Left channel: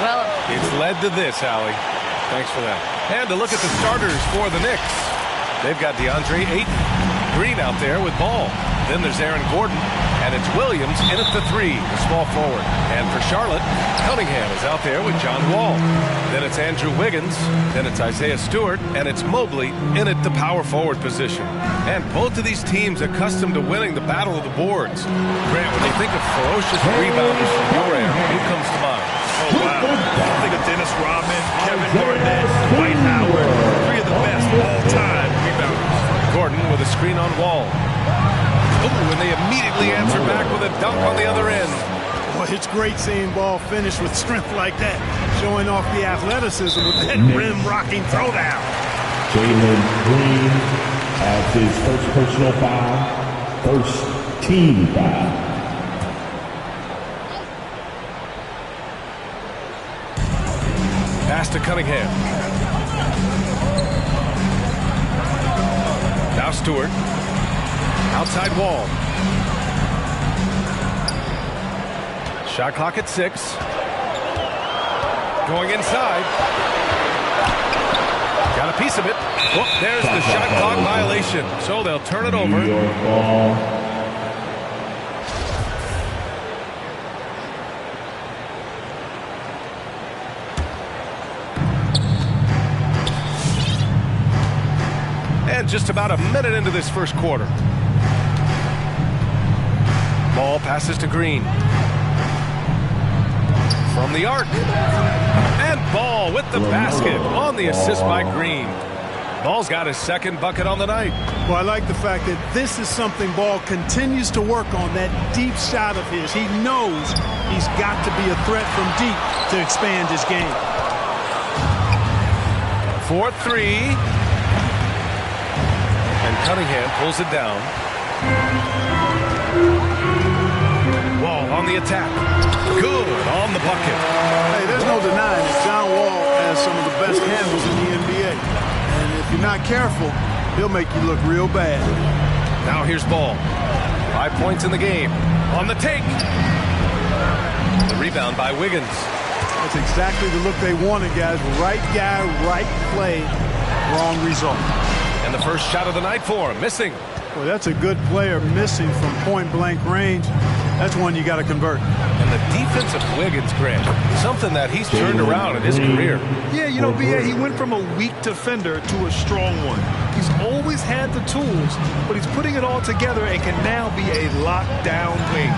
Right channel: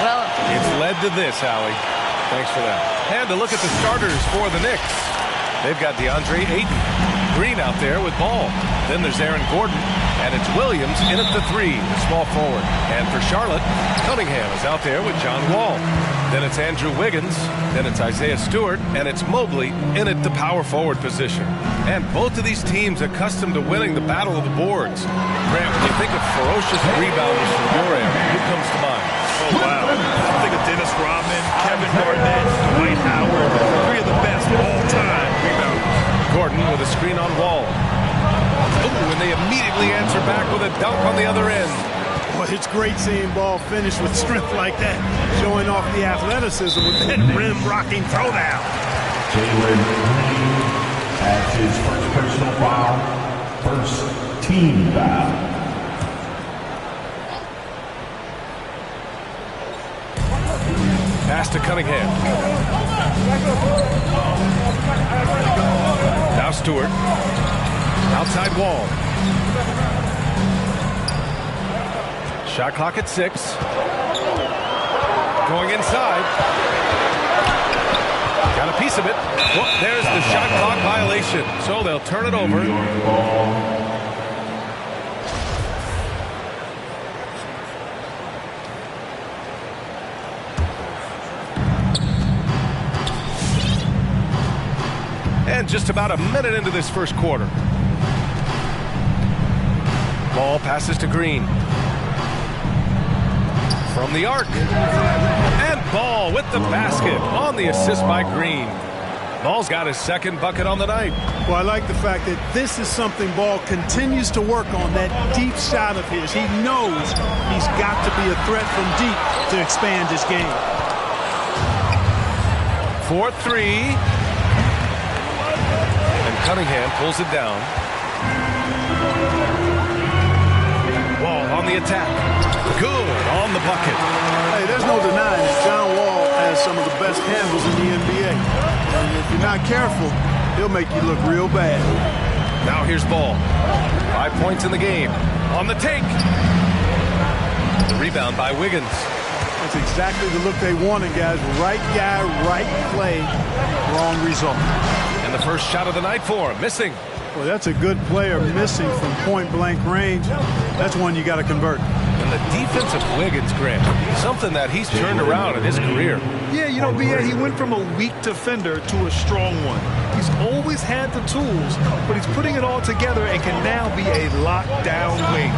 Well, it's led to this, Allie. Thanks for that. And to look at the starters for the Knicks. They've got DeAndre Ayton. Green out there with ball. Then there's Aaron Gordon. And it's Williams in at the 3, the small forward. And for Charlotte, Cunningham is out there with John Wall. Then it's Andrew Wiggins. Then it's Isaiah Stewart. And it's Mobley in at the power forward position. And both of these teams accustomed to winning the battle of the boards. Grant, when you think of ferocious rebounders from your era, who comes to mind? Oh, wow. I think of Dennis Rodman, Kevin Garnett, Dwight Howard, 3 of the best all-time rebounders. Gordon with a screen on Wall. Ooh, and they immediately answer back with a dunk on the other end. Boy, it's great seeing ball finish with strength like that, showing off the athleticism with that rim-rocking throwdown. Jalen Green has his first personal foul, first team foul. Pass to Cunningham. Now Stewart. Outside Wall. Shot clock at 6. Going inside. Got a piece of it. Whoop, there's the shot clock violation. So they'll turn it over. New York ball. And just about a minute into this first quarter. Ball passes to Green. From the arc. And Ball with the basket on the assist by Green. Ball's got his second bucket on the night. Well, I like the fact that this is something Ball continues to work on, that deep shot of his. He knows he's got to be a threat from deep to expand his game. 4-3. And Cunningham pulls it down. Wall on the attack. Good on the bucket. Hey, there's no denying it. John Wall has some of the best handles in the NBA. And if you're not careful, he'll make you look real bad. Now here's Ball. 5 points in the game. On the take. The rebound by Wiggins. That's exactly the look they wanted, guys. Right guy, right play, wrong result. And the first shot of the night for him. Missing. Well, that's a good player missing from point-blank range. That's one you got to convert. And the defense of Wiggins, Grant, something that he's turned around in his career. Yeah, you know, B.A., he went from a weak defender to a strong one. He's always had the tools, but he's putting it all together and can now be a lockdown wing.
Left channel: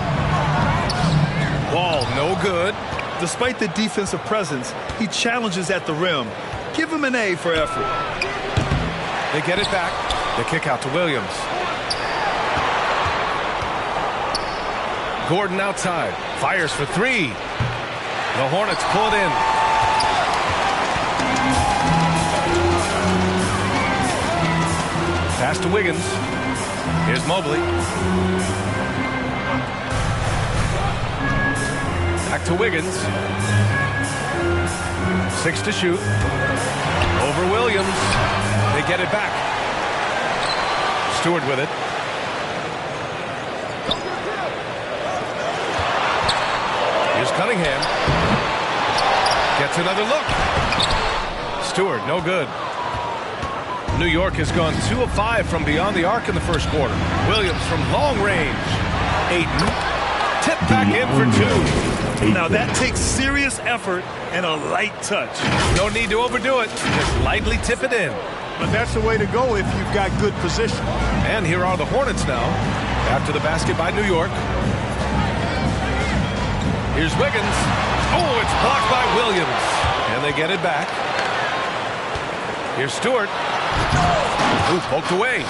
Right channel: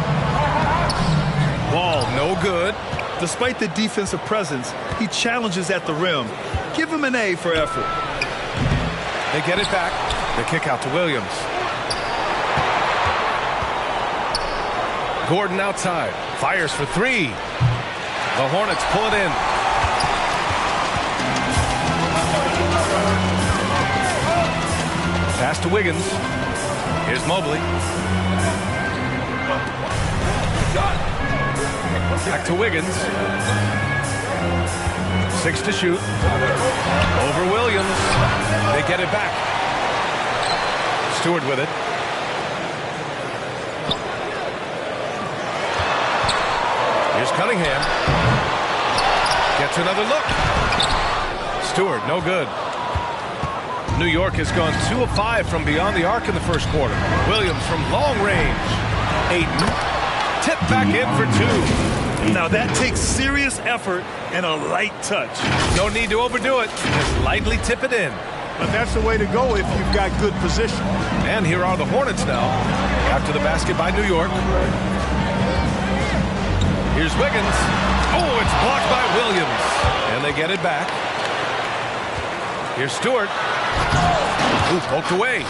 Wall, no good. Despite the defensive presence, he challenges at the rim. Give him an A for effort. They get it back. The kick out to Williams. Gordon outside. Fires for 3. The Hornets pull it in. Pass to Wiggins. Here's Mobley. Back to Wiggins. 6 to shoot. Over Williams. They get it back. Stewart with it. Here's Cunningham. Gets another look. Stewart, no good. New York has gone 2 of 5 from beyond the arc in the first quarter. Williams from long range. Ayton. Tip back in for 2. Now that takes serious effort and a light touch. No need to overdo it. Just lightly tip it in. But that's the way to go if you've got good position. And here are the Hornets now. After the basket by New York. Here's Wiggins. Oh, it's blocked by Williams. And they get it back. Here's Stewart. Ooh, poked away.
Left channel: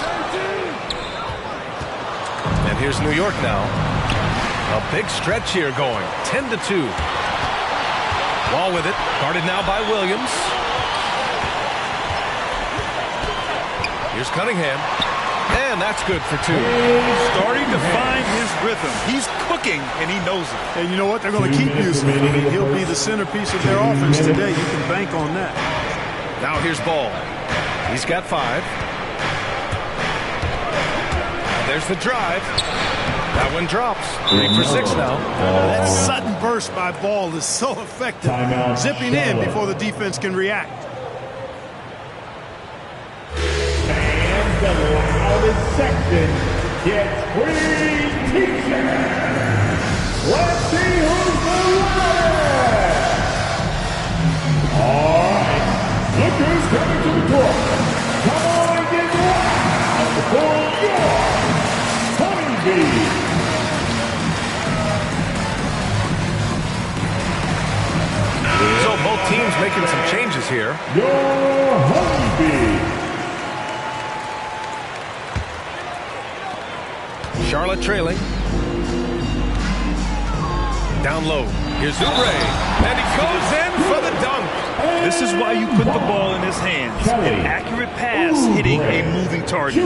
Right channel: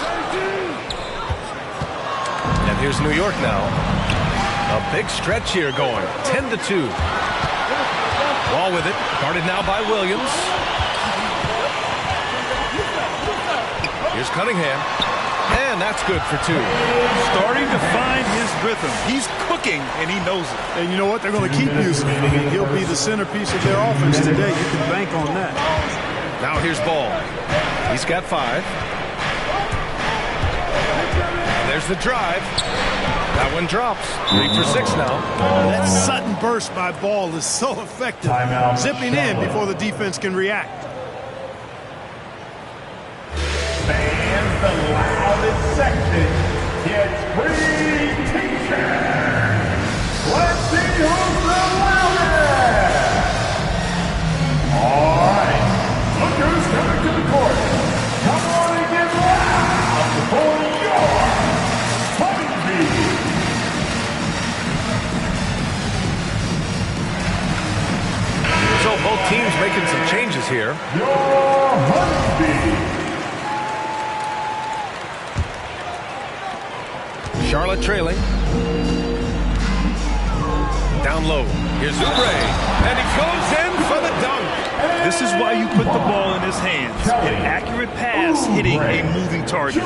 And here's New York now. A big stretch here going. 10-2. Wall with it. Guarded now by Williams. Here's Cunningham. And that's good for 2. Starting to find his rhythm. He's cooking, and he knows it. And you know what? They're going to keep using him. I mean, he'll be the centerpiece of their offense today. You can bank on that. Now here's Ball. He's got 5. And there's the drive. That one drops. 3 for 6 now. That sudden burst by Ball is so effective. Timeout, Zipping in Charlotte. before the defense can react. And the loudest section gets free t-shirts. Let's see who's the loudest. All right, look who's coming to the court. Come on and get loud for your Honeybee. So both teams making some changes here. Your Honeybee. Charlotte trailing. Down low. Here's Oubre. And he goes in for the dunk. This is why you put the ball in his hands. An accurate pass hitting a moving target.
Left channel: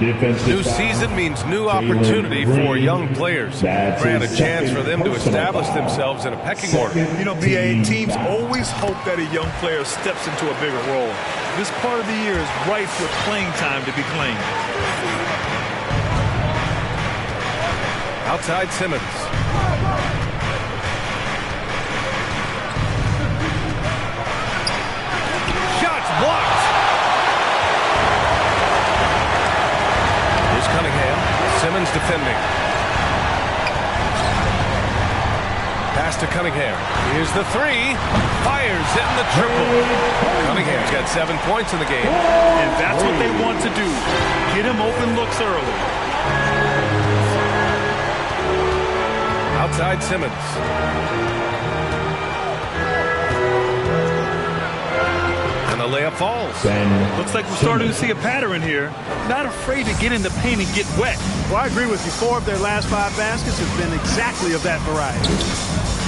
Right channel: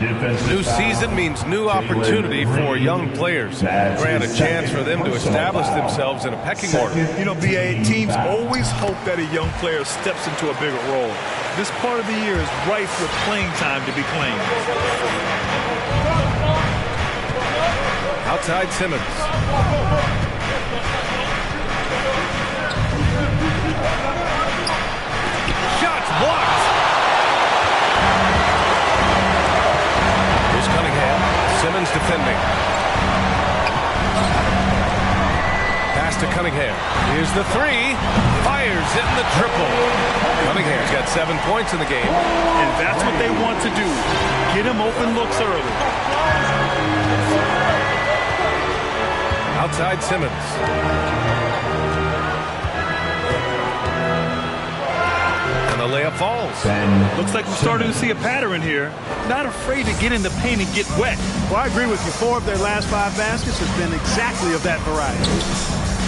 New season means new opportunity for young players. Grant a chance for them to establish themselves in a pecking order. You know, BA, teams always hope that a young player steps into a bigger role. This part of the year is rife with playing time to be claimed. Outside Simmons. Shots blocked. Here's Cunningham. Simmons defending. Pass to Cunningham. Here's the three. Fires in the triple. Cunningham's got 7 points in the game. And that's what they want to do. Get him open looks early. Outside Simmons. And the layup falls. Looks like we're starting to see a pattern here. Not afraid to get in the paint and get wet. Well, I agree with you. 4 of their last 5 baskets have been exactly of that variety.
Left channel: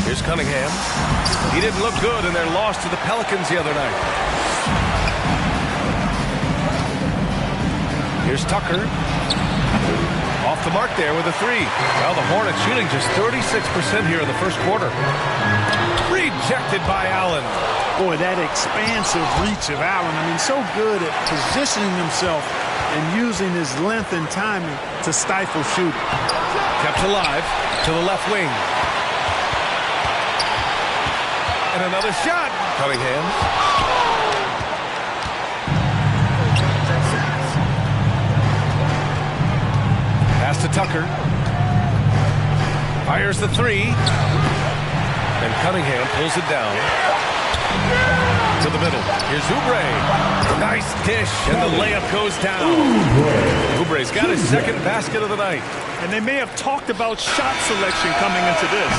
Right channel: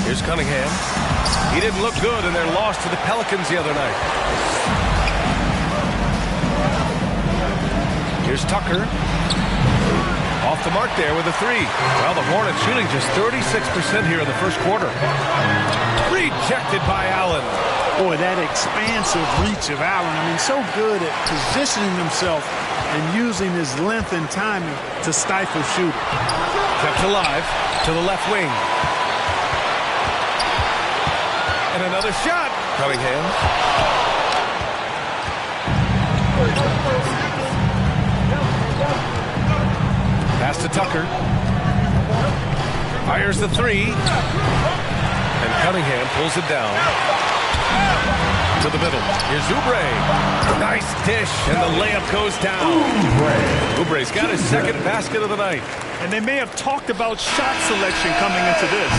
Here's Cunningham. He didn't look good in their loss to the Pelicans the other night. Here's Tucker. Off the mark there with a 3. Well, the Hornets shooting just 36% here in the first quarter. Rejected by Allen. Boy, that expansive reach of Allen. I mean, so good at positioning himself and using his length and timing to stifle shooting. Kept alive to the left wing. And another shot. Cunningham. Pass to Tucker. Fires the 3. And Cunningham pulls it down. To the middle. Here's Oubre. Nice dish. And the layup goes down. Oubre's got his second basket of the night. And they may have talked about shot selection coming into this.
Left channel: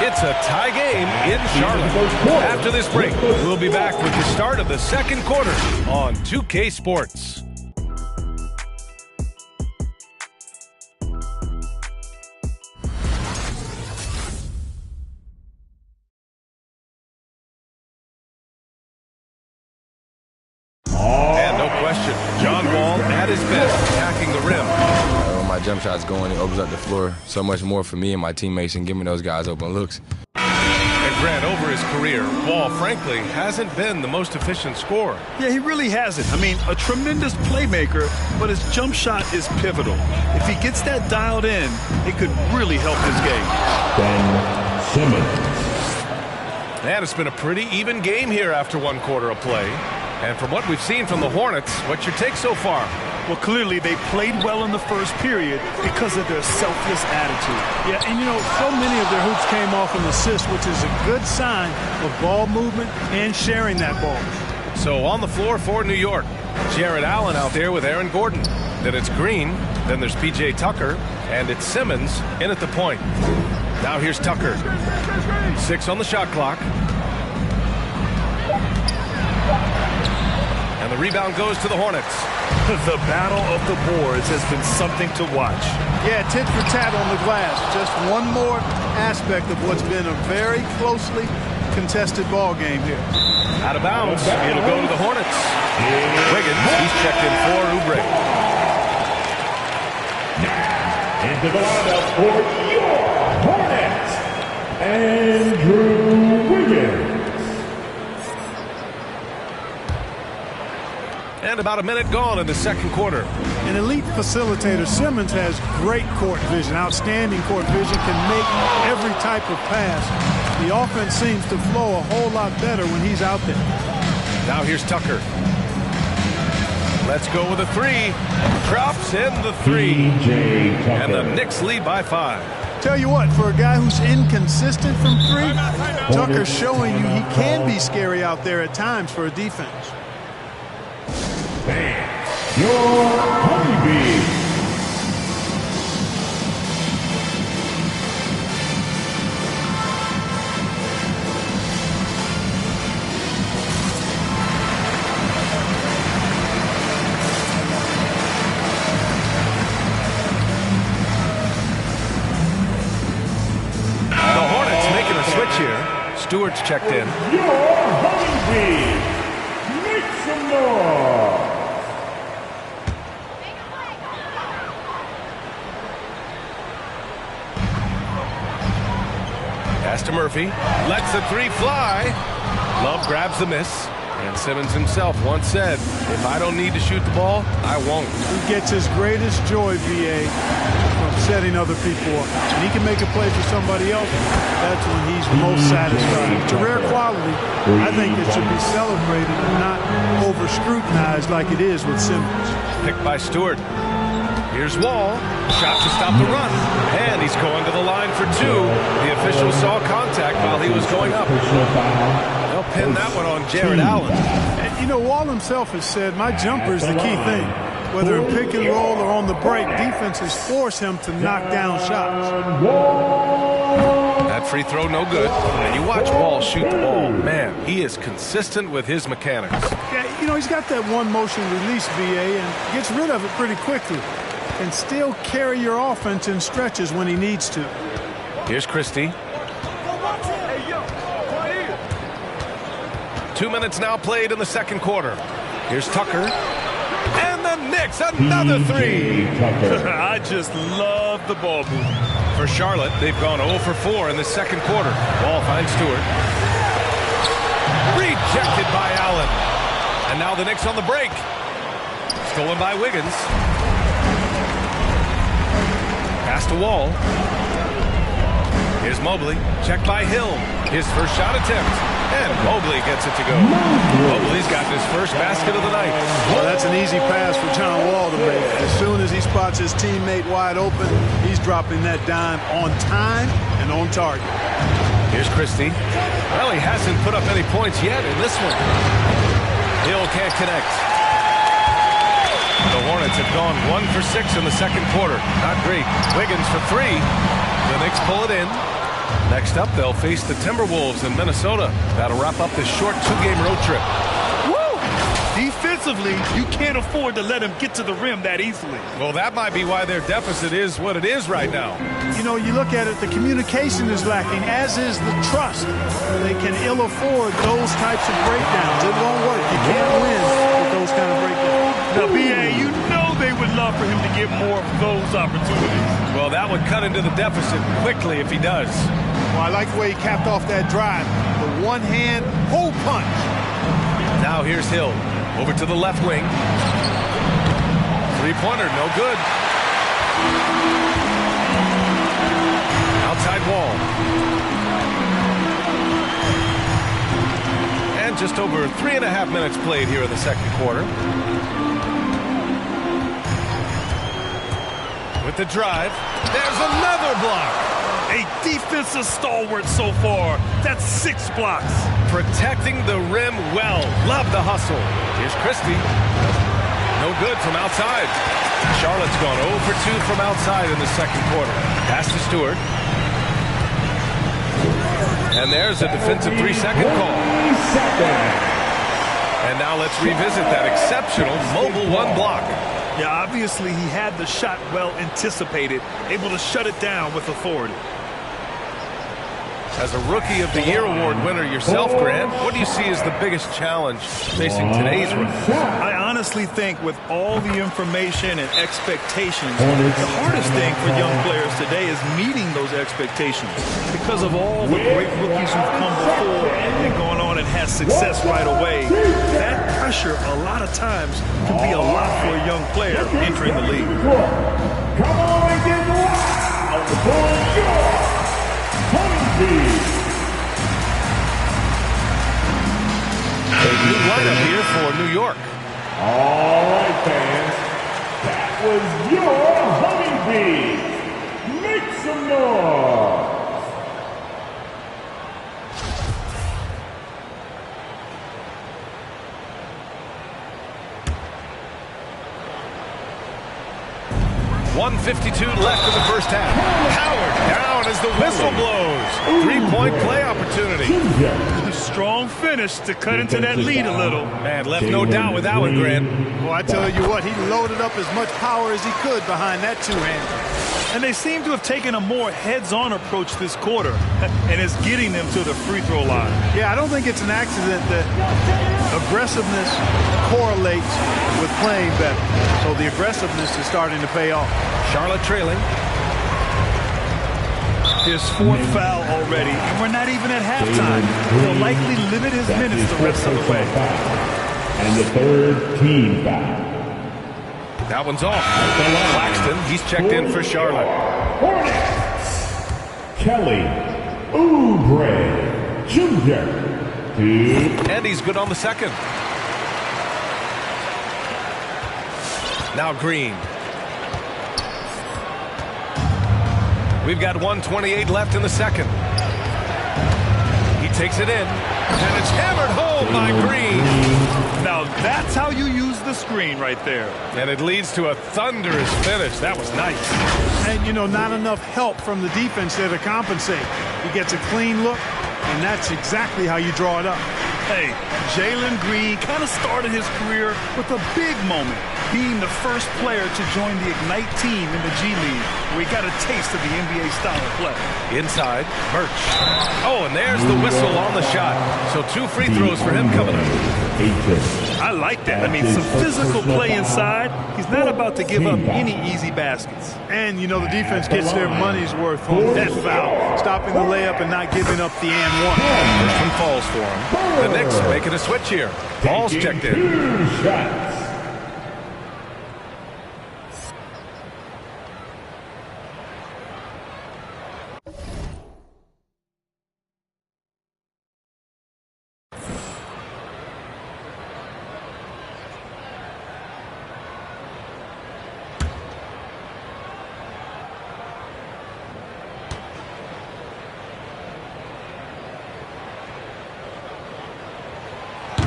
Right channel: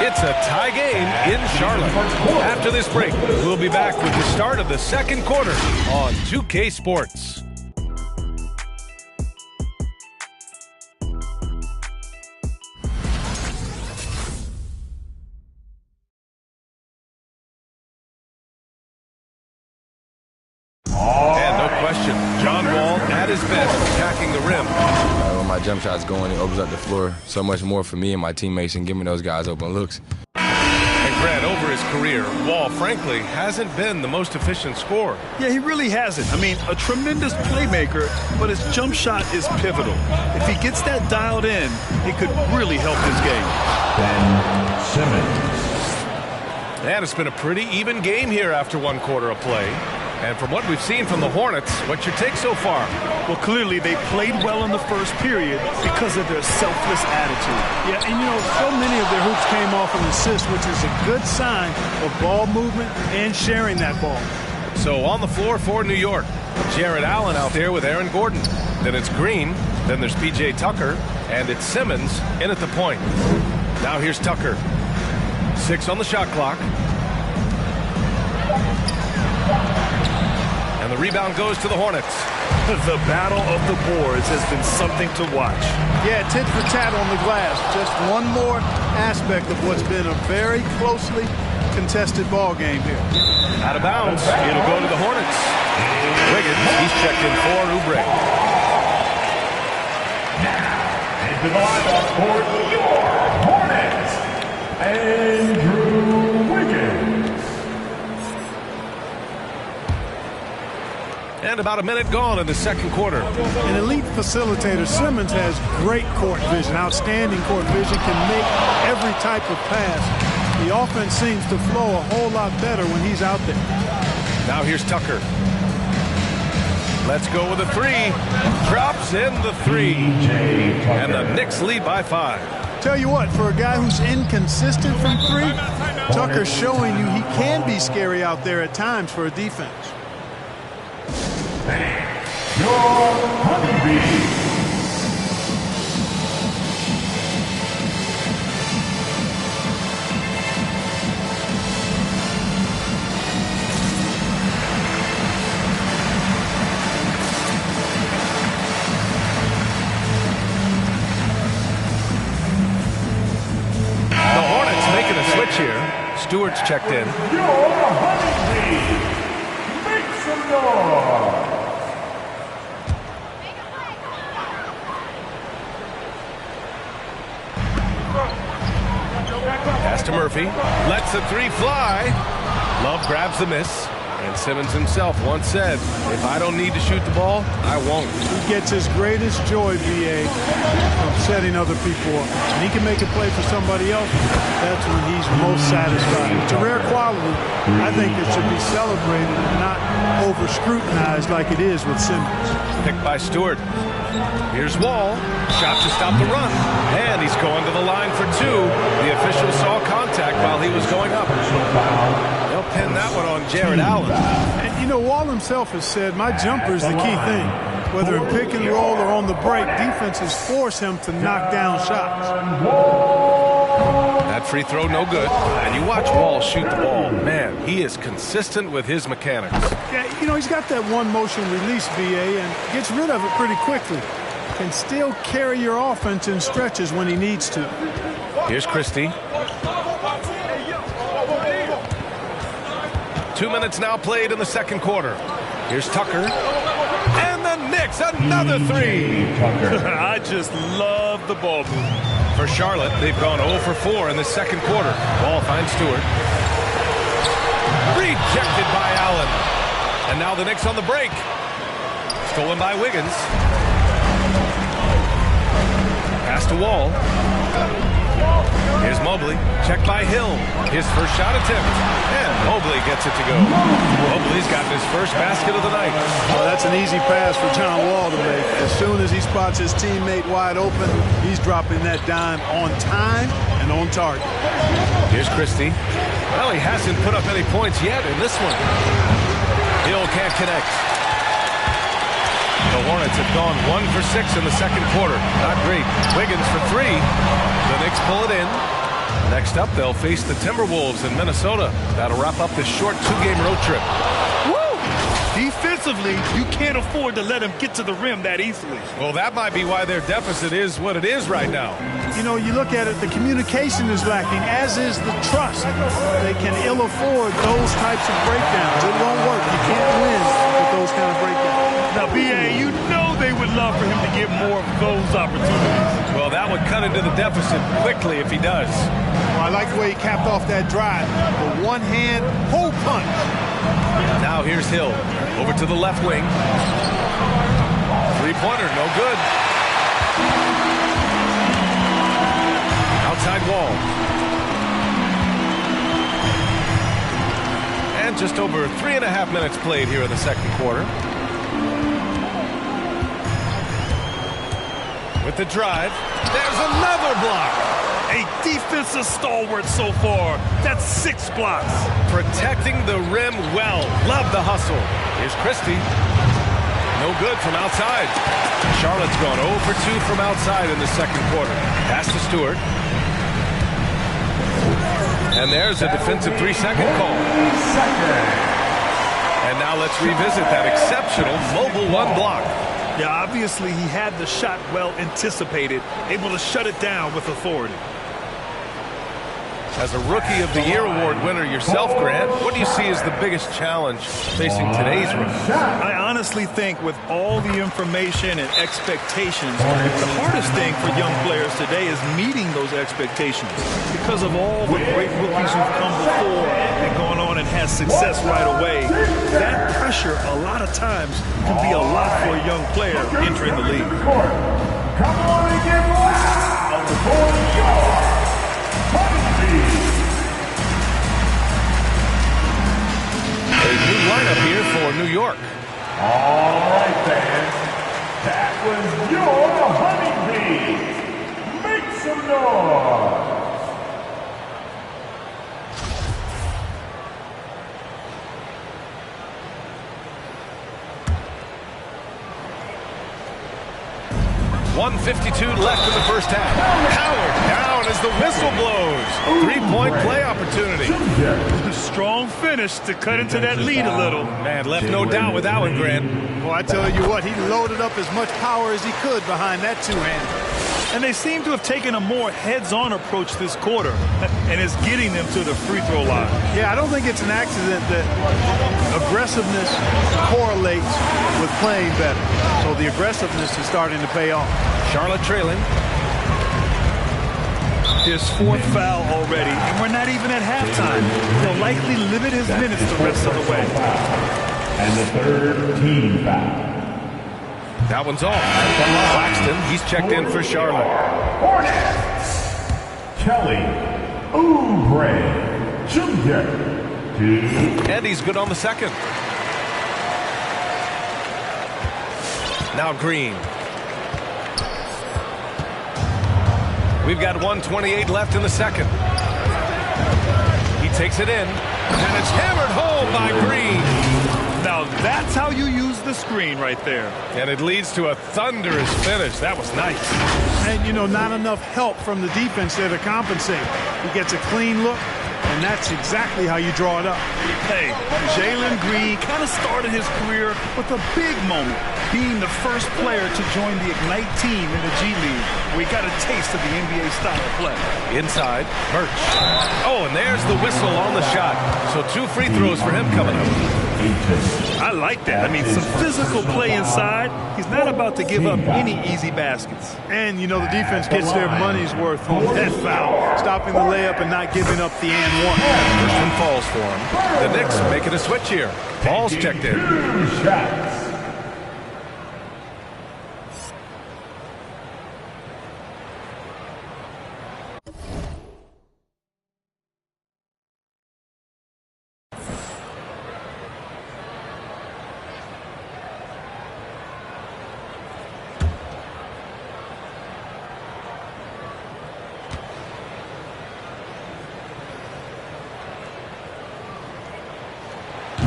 It's a tie game in Charlotte. After this break, we'll be back with the start of the second quarter on 2K Sports. And no question, John Wall at his best attacking the rim. When my jump shot's going, it opens up the floor so much more for me and my teammates and giving those guys open looks. And Grant, over his career, Wall, frankly, hasn't been the most efficient scorer. Yeah, he really hasn't. I mean, a tremendous playmaker, but his jump shot is pivotal. If he gets that dialed in, it could really help his game. Ben Simmons. And it's been a pretty even game here after 1 quarter of play. And from what we've seen from the Hornets, what's your take so far? Well, clearly they played well in the first period because of their selfless attitude. Yeah, and you know, so many of their hoops came off an assist, which is a good sign of ball movement and sharing that ball. So on the floor for New York, Jared Allen out there with Aaron Gordon. Then it's Green, then there's P.J. Tucker, and it's Simmons in at the point. Now here's Tucker. 6 on the shot clock. And the rebound goes to the Hornets. The battle of the boards has been something to watch. Yeah, tit for tat on the glass. Just one more aspect of what's been a very closely contested ball game here. Out of bounds. It'll go to the Hornets. Wiggins, he's checked in for Oubre. Now, into the lineup for your Hornets, Andrew Wiggins. And about a minute gone in the second quarter. An elite facilitator, Simmons has great court vision, outstanding court vision, can make every type of pass. The offense seems to flow a whole lot better when he's out there. Now here's Tucker. Let's go with a three. Drops in the three. And the Knicks lead by 5. Tell you what, for a guy who's inconsistent from three, Tucker's showing you he can be scary out there at times for a defense. Your Honeybee. Switch here. Stewart's checked in. Your Honeybee. Make some noise. Pass to Murphy. Lets the three fly. Love grabs the miss. And Simmons himself once said, if I don't need to shoot the ball, I won't. He gets his greatest joy, B.A., from setting other people up. When he can make a play for somebody else, that's when he's most satisfied. It's a rare quality. I think it should be celebrated and not over-scrutinized like it is with Simmons. Picked by Stewart. Here's Wall. Shot to stop the run. And he's going to the line for 2. The official saw contact while he was going up. They'll pin that one on Jared Allen. And, you know, Wall himself has said, my jumper is the key thing. Whether in pick and roll or on the break, defenses force him to knock down shots. That free throw no good. And you watch Wall shoot the ball. Man, he is consistent with his mechanics. Yeah, you know, he's got that one motion release, B.A., and gets rid of it pretty quickly. Can still carry your offense in stretches when he needs to. Here's Christie. 2 minutes now played in the second quarter. Here's Tucker. And the Knicks, another three. I just love the ball movement. For Charlotte, they've gone 0 for 4 in the second quarter. Ball finds Stewart. Rejected by Allen. And now the Knicks on the break. Stolen by Wiggins. Pass to Wall. Here's Mobley. Checked by Hill. His first shot attempt. And Mobley gets it to go. Mobley's got his first basket of the night. Well, that's an easy pass for John Wall to make. As soon as he spots his teammate wide open, he's dropping that dime on time and on target. Here's Christie. Well, he hasn't put up any points yet in this one. Hill can't connect. The Hornets have gone 1 for 6 in the second quarter. Not great. Wiggins for 3. The Knicks pull it in. Next up, they'll face the Timberwolves in Minnesota. That'll wrap up this short 2-game road trip. Woo! Defensively, you can't afford to let him get to the rim that easily. Well, that might be why their deficit is what it is right now. You know, you look at it, the communication is lacking, as is the trust. They can ill afford those types of breakdowns. It won't work. You can't win with those kind of breakdowns. Now, B.A., you know they would love for him to get more of those opportunities. Well, that would cut into the deficit quickly if he does. Well, I like the way he capped off that drive. The one-hand hole punch. Now here's Hill. Over to the left wing. Three-pointer, no good. Outside Wall. And just over 3.5 minutes played here in the second quarter. With the drive, there's another block. A defensive stalwart so far. That's 6 blocks. Protecting the rim well. Love the hustle. Here's Christie. No good from outside. Charlotte's gone 0 for 2 from outside in the second quarter. Pass to Stewart. And there's a defensive 3-second call. And now let's revisit that exceptional mobile 1 block. Yeah, obviously he had the shot well anticipated, able to shut it down with authority. As a Rookie of the Year award winner yourself, Grant, what do you see as the biggest challenge facing today's rookies? I honestly think with all the information and expectations, the hardest thing for young players today is meeting those expectations. Because of all the great rookies who've come before and gone on and had success right away, that pressure a lot of times can be a lot for a young player entering the league. Come on and get loud for your Honeybees. A new lineup here for New York. All right, fans. That was your Honeybees. Make some noise. .152 left in the first half. Howard down as the whistle blows. 3-point play opportunity. Strong finish to cut into that lead a little. Man, left no doubt with that one, Grant. Well, I tell you what, he loaded up as much power as he could behind that two-hander. And they seem to have taken a more heads-on approach this quarter, and it's getting them to the free throw line. Yeah, I don't think it's an accident that aggressiveness correlates with playing better. So the aggressiveness is starting to pay off. Charlotte trailing. His fourth foul already, and we're not even at halftime. He'll likely limit his minutes the rest of the way. And the third team foul. That one's off. Claxton, he's checked in for Charlotte. Hornets. Kelly Oubre Jr. And he's good on the second. Now Green. We've got 1:28 left in the second. He takes it in, and it's hammered home by Green. Now that's how you use the screen right there. And it leads to a thunderous finish. That was nice. And, you know, not enough help from the defense there to compensate. He gets a clean look, and that's exactly how you draw it up. Hey, Jalen Green kind of started his career with a big moment, being the first player to join the Ignite team in the G League, where he got a taste of the NBA style of play. Inside, Birch. Oh, and there's the whistle on the shot. So 2 free throws for him coming up. I like that. I mean, some physical play inside. He's not about to give up any easy baskets. And, you know, the defense gets their money's worth on that foul, stopping the layup and not giving up the and one. First one falls for him. The Knicks making a switch here. Ball's checked in. 2 shots.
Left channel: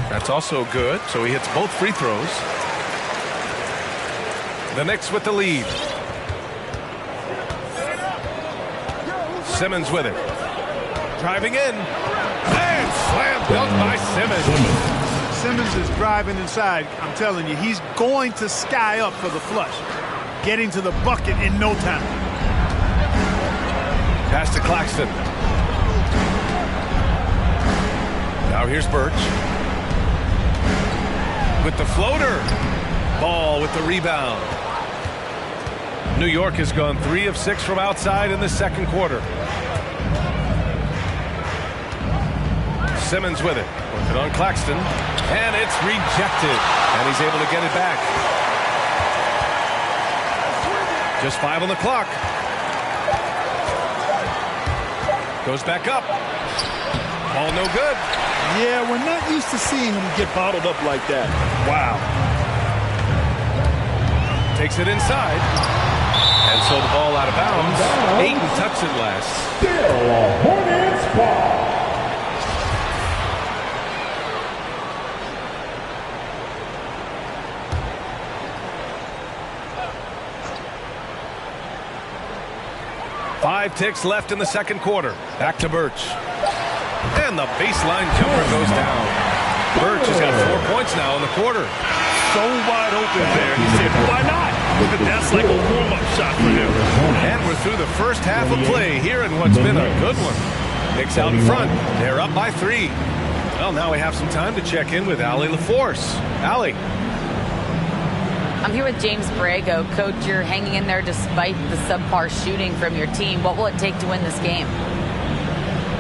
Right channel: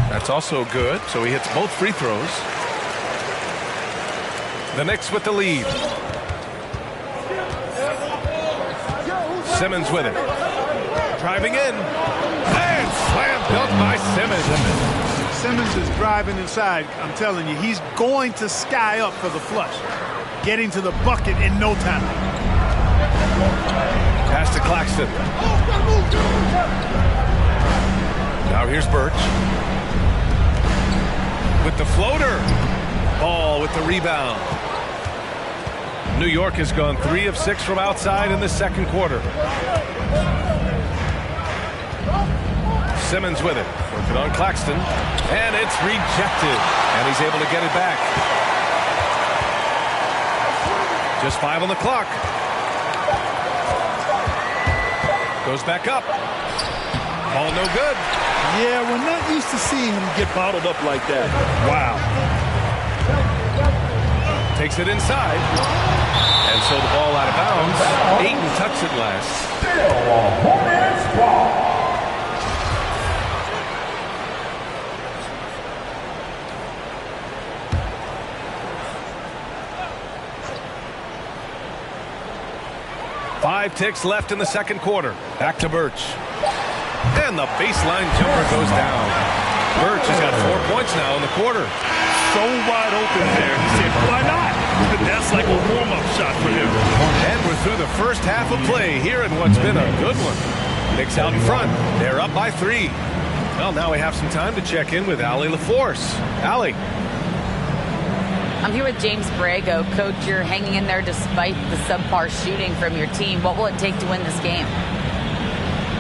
That's also good, so he hits both free throws. The Knicks with the lead. Simmons with it. Driving in. And slam dunk by Simmons. Simmons is driving inside. I'm telling you, he's going to sky up for the flush. Getting to the bucket in no time. Pass to Claxton. Now here's Birch. With the floater. Ball with the rebound. New York has gone 3 of 6 from outside in the second quarter. Simmons with it. Working on Claxton. And it's rejected. And he's able to get it back. Just 5 on the clock. Goes back up. Ball no good. Yeah, we're not used to seeing him get bottled up like that. Wow. Takes it inside. And so the ball out of bounds. Ayton touched it last. Still a Hornets ball. Five ticks left in the second quarter. Back to Birch. And the baseline jumper goes down. Birch has got 4 points now in the quarter. So wide open there. He said, why not? But that's like a warm-up shot for him. And we're through the first half of play here in what's been a good one. Knicks out in front. They're up by 3. Well, now we have some time to check in with Allie LaForce. Allie. I'm here with James Borrego. Coach, you're hanging in there despite the subpar shooting from your team. What will it take to win this game?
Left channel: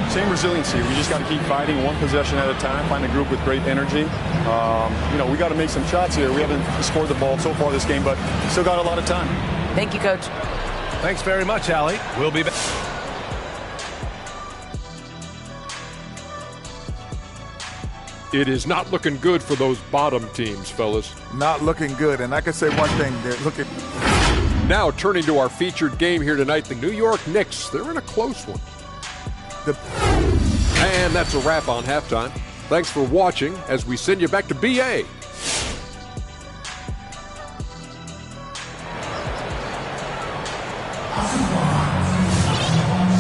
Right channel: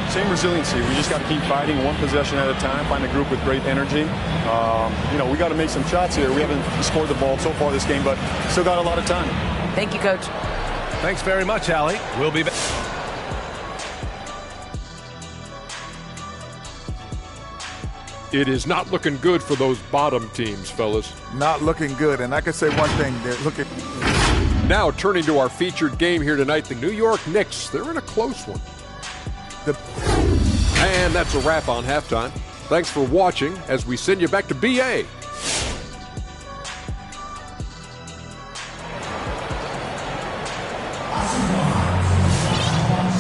Same resiliency. We just got to keep fighting one possession at a time, find a group with great energy. We got to make some shots here. We haven't scored the ball so far this game, but still got a lot of time. Thank you, Coach. Thanks very much, Allie. We'll be back. It is not looking good for those bottom teams, fellas. Not looking good, and I can say one thing. They're looking. Now turning to our featured game here tonight, the New York Knicks. They're in a close one. And that's a wrap on halftime. Thanks for watching as we send you back to BA.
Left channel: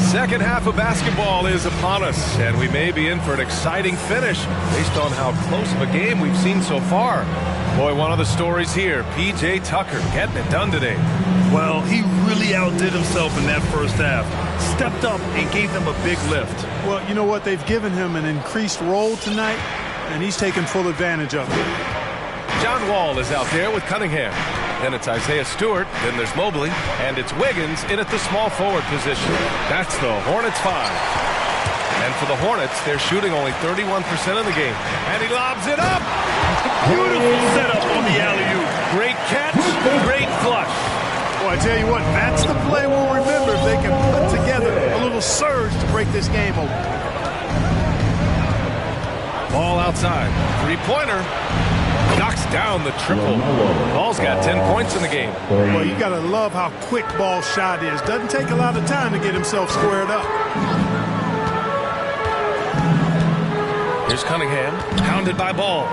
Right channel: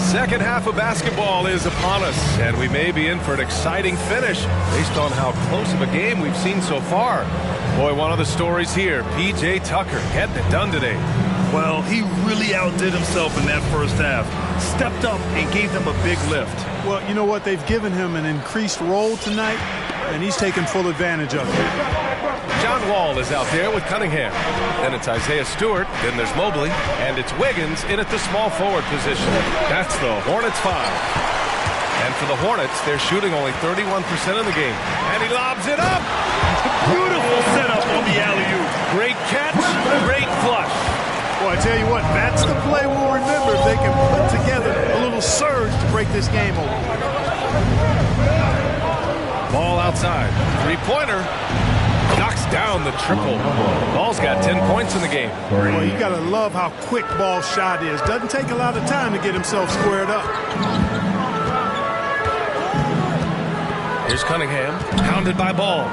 Second half of basketball is upon us, and we may be in for an exciting finish based on how close of a game we've seen so far. Boy, one of the stories here, P.J. Tucker getting it done today. Well, he really outdid himself in that first half. Stepped up and gave them a big lift. Well, you know what? They've given him an increased role tonight, and he's taken full advantage of it. John Wall is out there with Cunningham. Then it's Isaiah Stewart. Then there's Mobley. And it's Wiggins in at the small forward position. That's the Hornets 5. And for the Hornets, they're shooting only 31% of the game. And he lobs it up. Beautiful setup on the alley-oop. Great catch, great flush. Well, I tell you what, that's the play we'll remember if they can put together a little surge to break this game open. Ball outside. Three-pointer. Knocks down the triple. Ball's got 10 points in the game. Well, you got to love how quick Ball's shot is. Doesn't take a lot of time to get himself squared up. Here's Cunningham, pounded by Ball.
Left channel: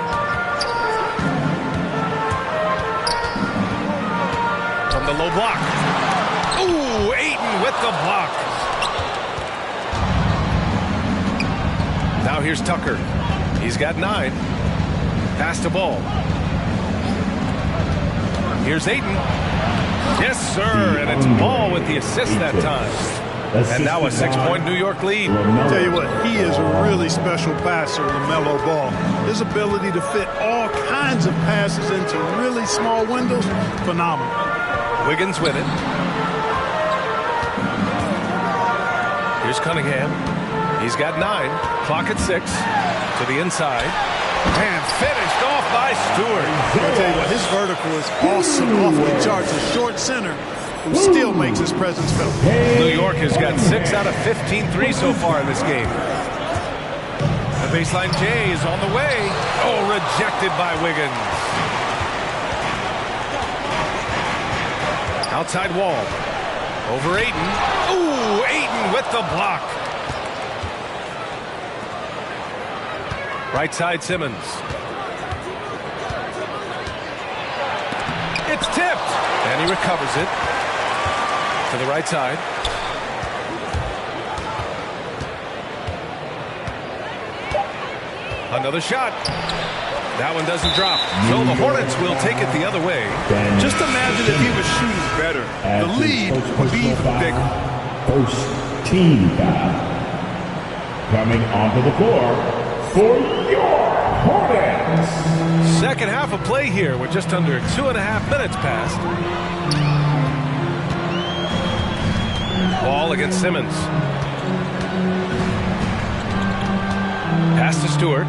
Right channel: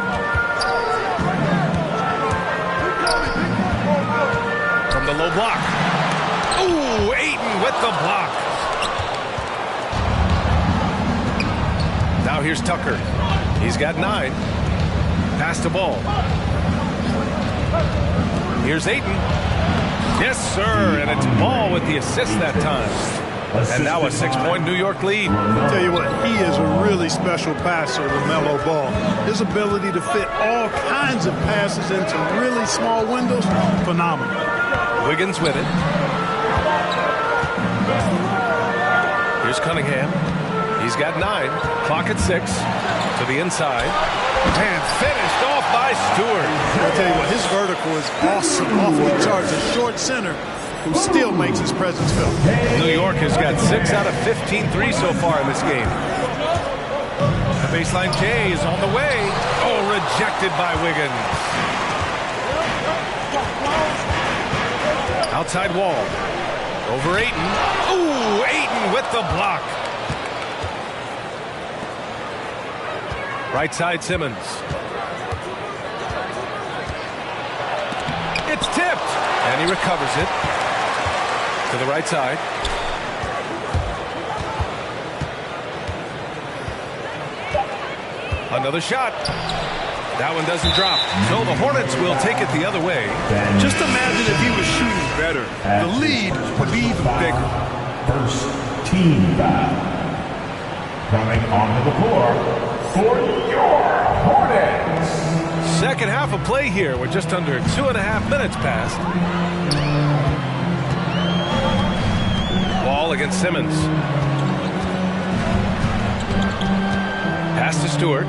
From the low block. Ooh, Ayton with the block. Now here's Tucker. He's got 9. Pass to Ball. Here's Ayton. Yes, sir, and it's Ball with the assist that time. And now a 6-point New York lead. I'll tell you what, he is a really special passer, LaMelo Ball. His ability to fit all kinds of passes into really small windows, phenomenal. Wiggins with it. Here's Cunningham. He's got 9. Clock at 6. To the inside. And finished off by Stewart. I'll tell you what, his vertical is awesome off the charts. A short center who still makes his presence felt. New York has got 6 out of 15 threes so far in this game. The baseline J is on the way. Oh, rejected by Wiggins. Outside Wall. Over Ayton. Ooh, Ayton with the block. Right side Simmons. It's tipped. And he recovers it. To the right side. Another shot. That one doesn't drop. So the Hornets will take it the other way. Just imagine if he was shooting better. The lead would be even bigger. First team foul. Coming onto the floor for your Hornets. Second half of play here with just under 2.5 minutes passed. Ball against Simmons. Pass to Stewart.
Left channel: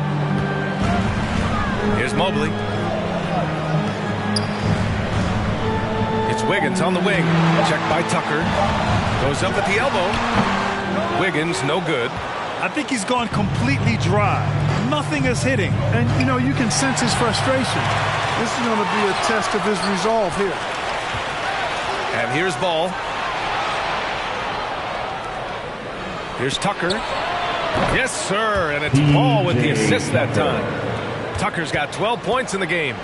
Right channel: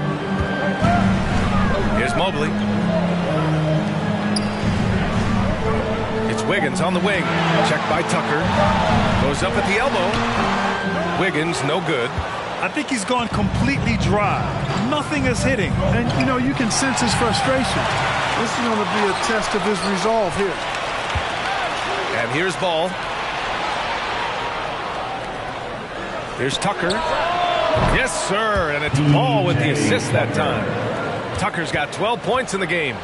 Here's Mobley. It's Wiggins on the wing. Checked by Tucker. Goes up at the elbow. Wiggins, no good. I think he's gone completely dry. Nothing is hitting. And, you know, you can sense his frustration. This is going to be a test of his resolve here. And here's Ball. Here's Tucker. Yes, sir. And it's Ball with the assist that time. Tucker's got 12 points in the game.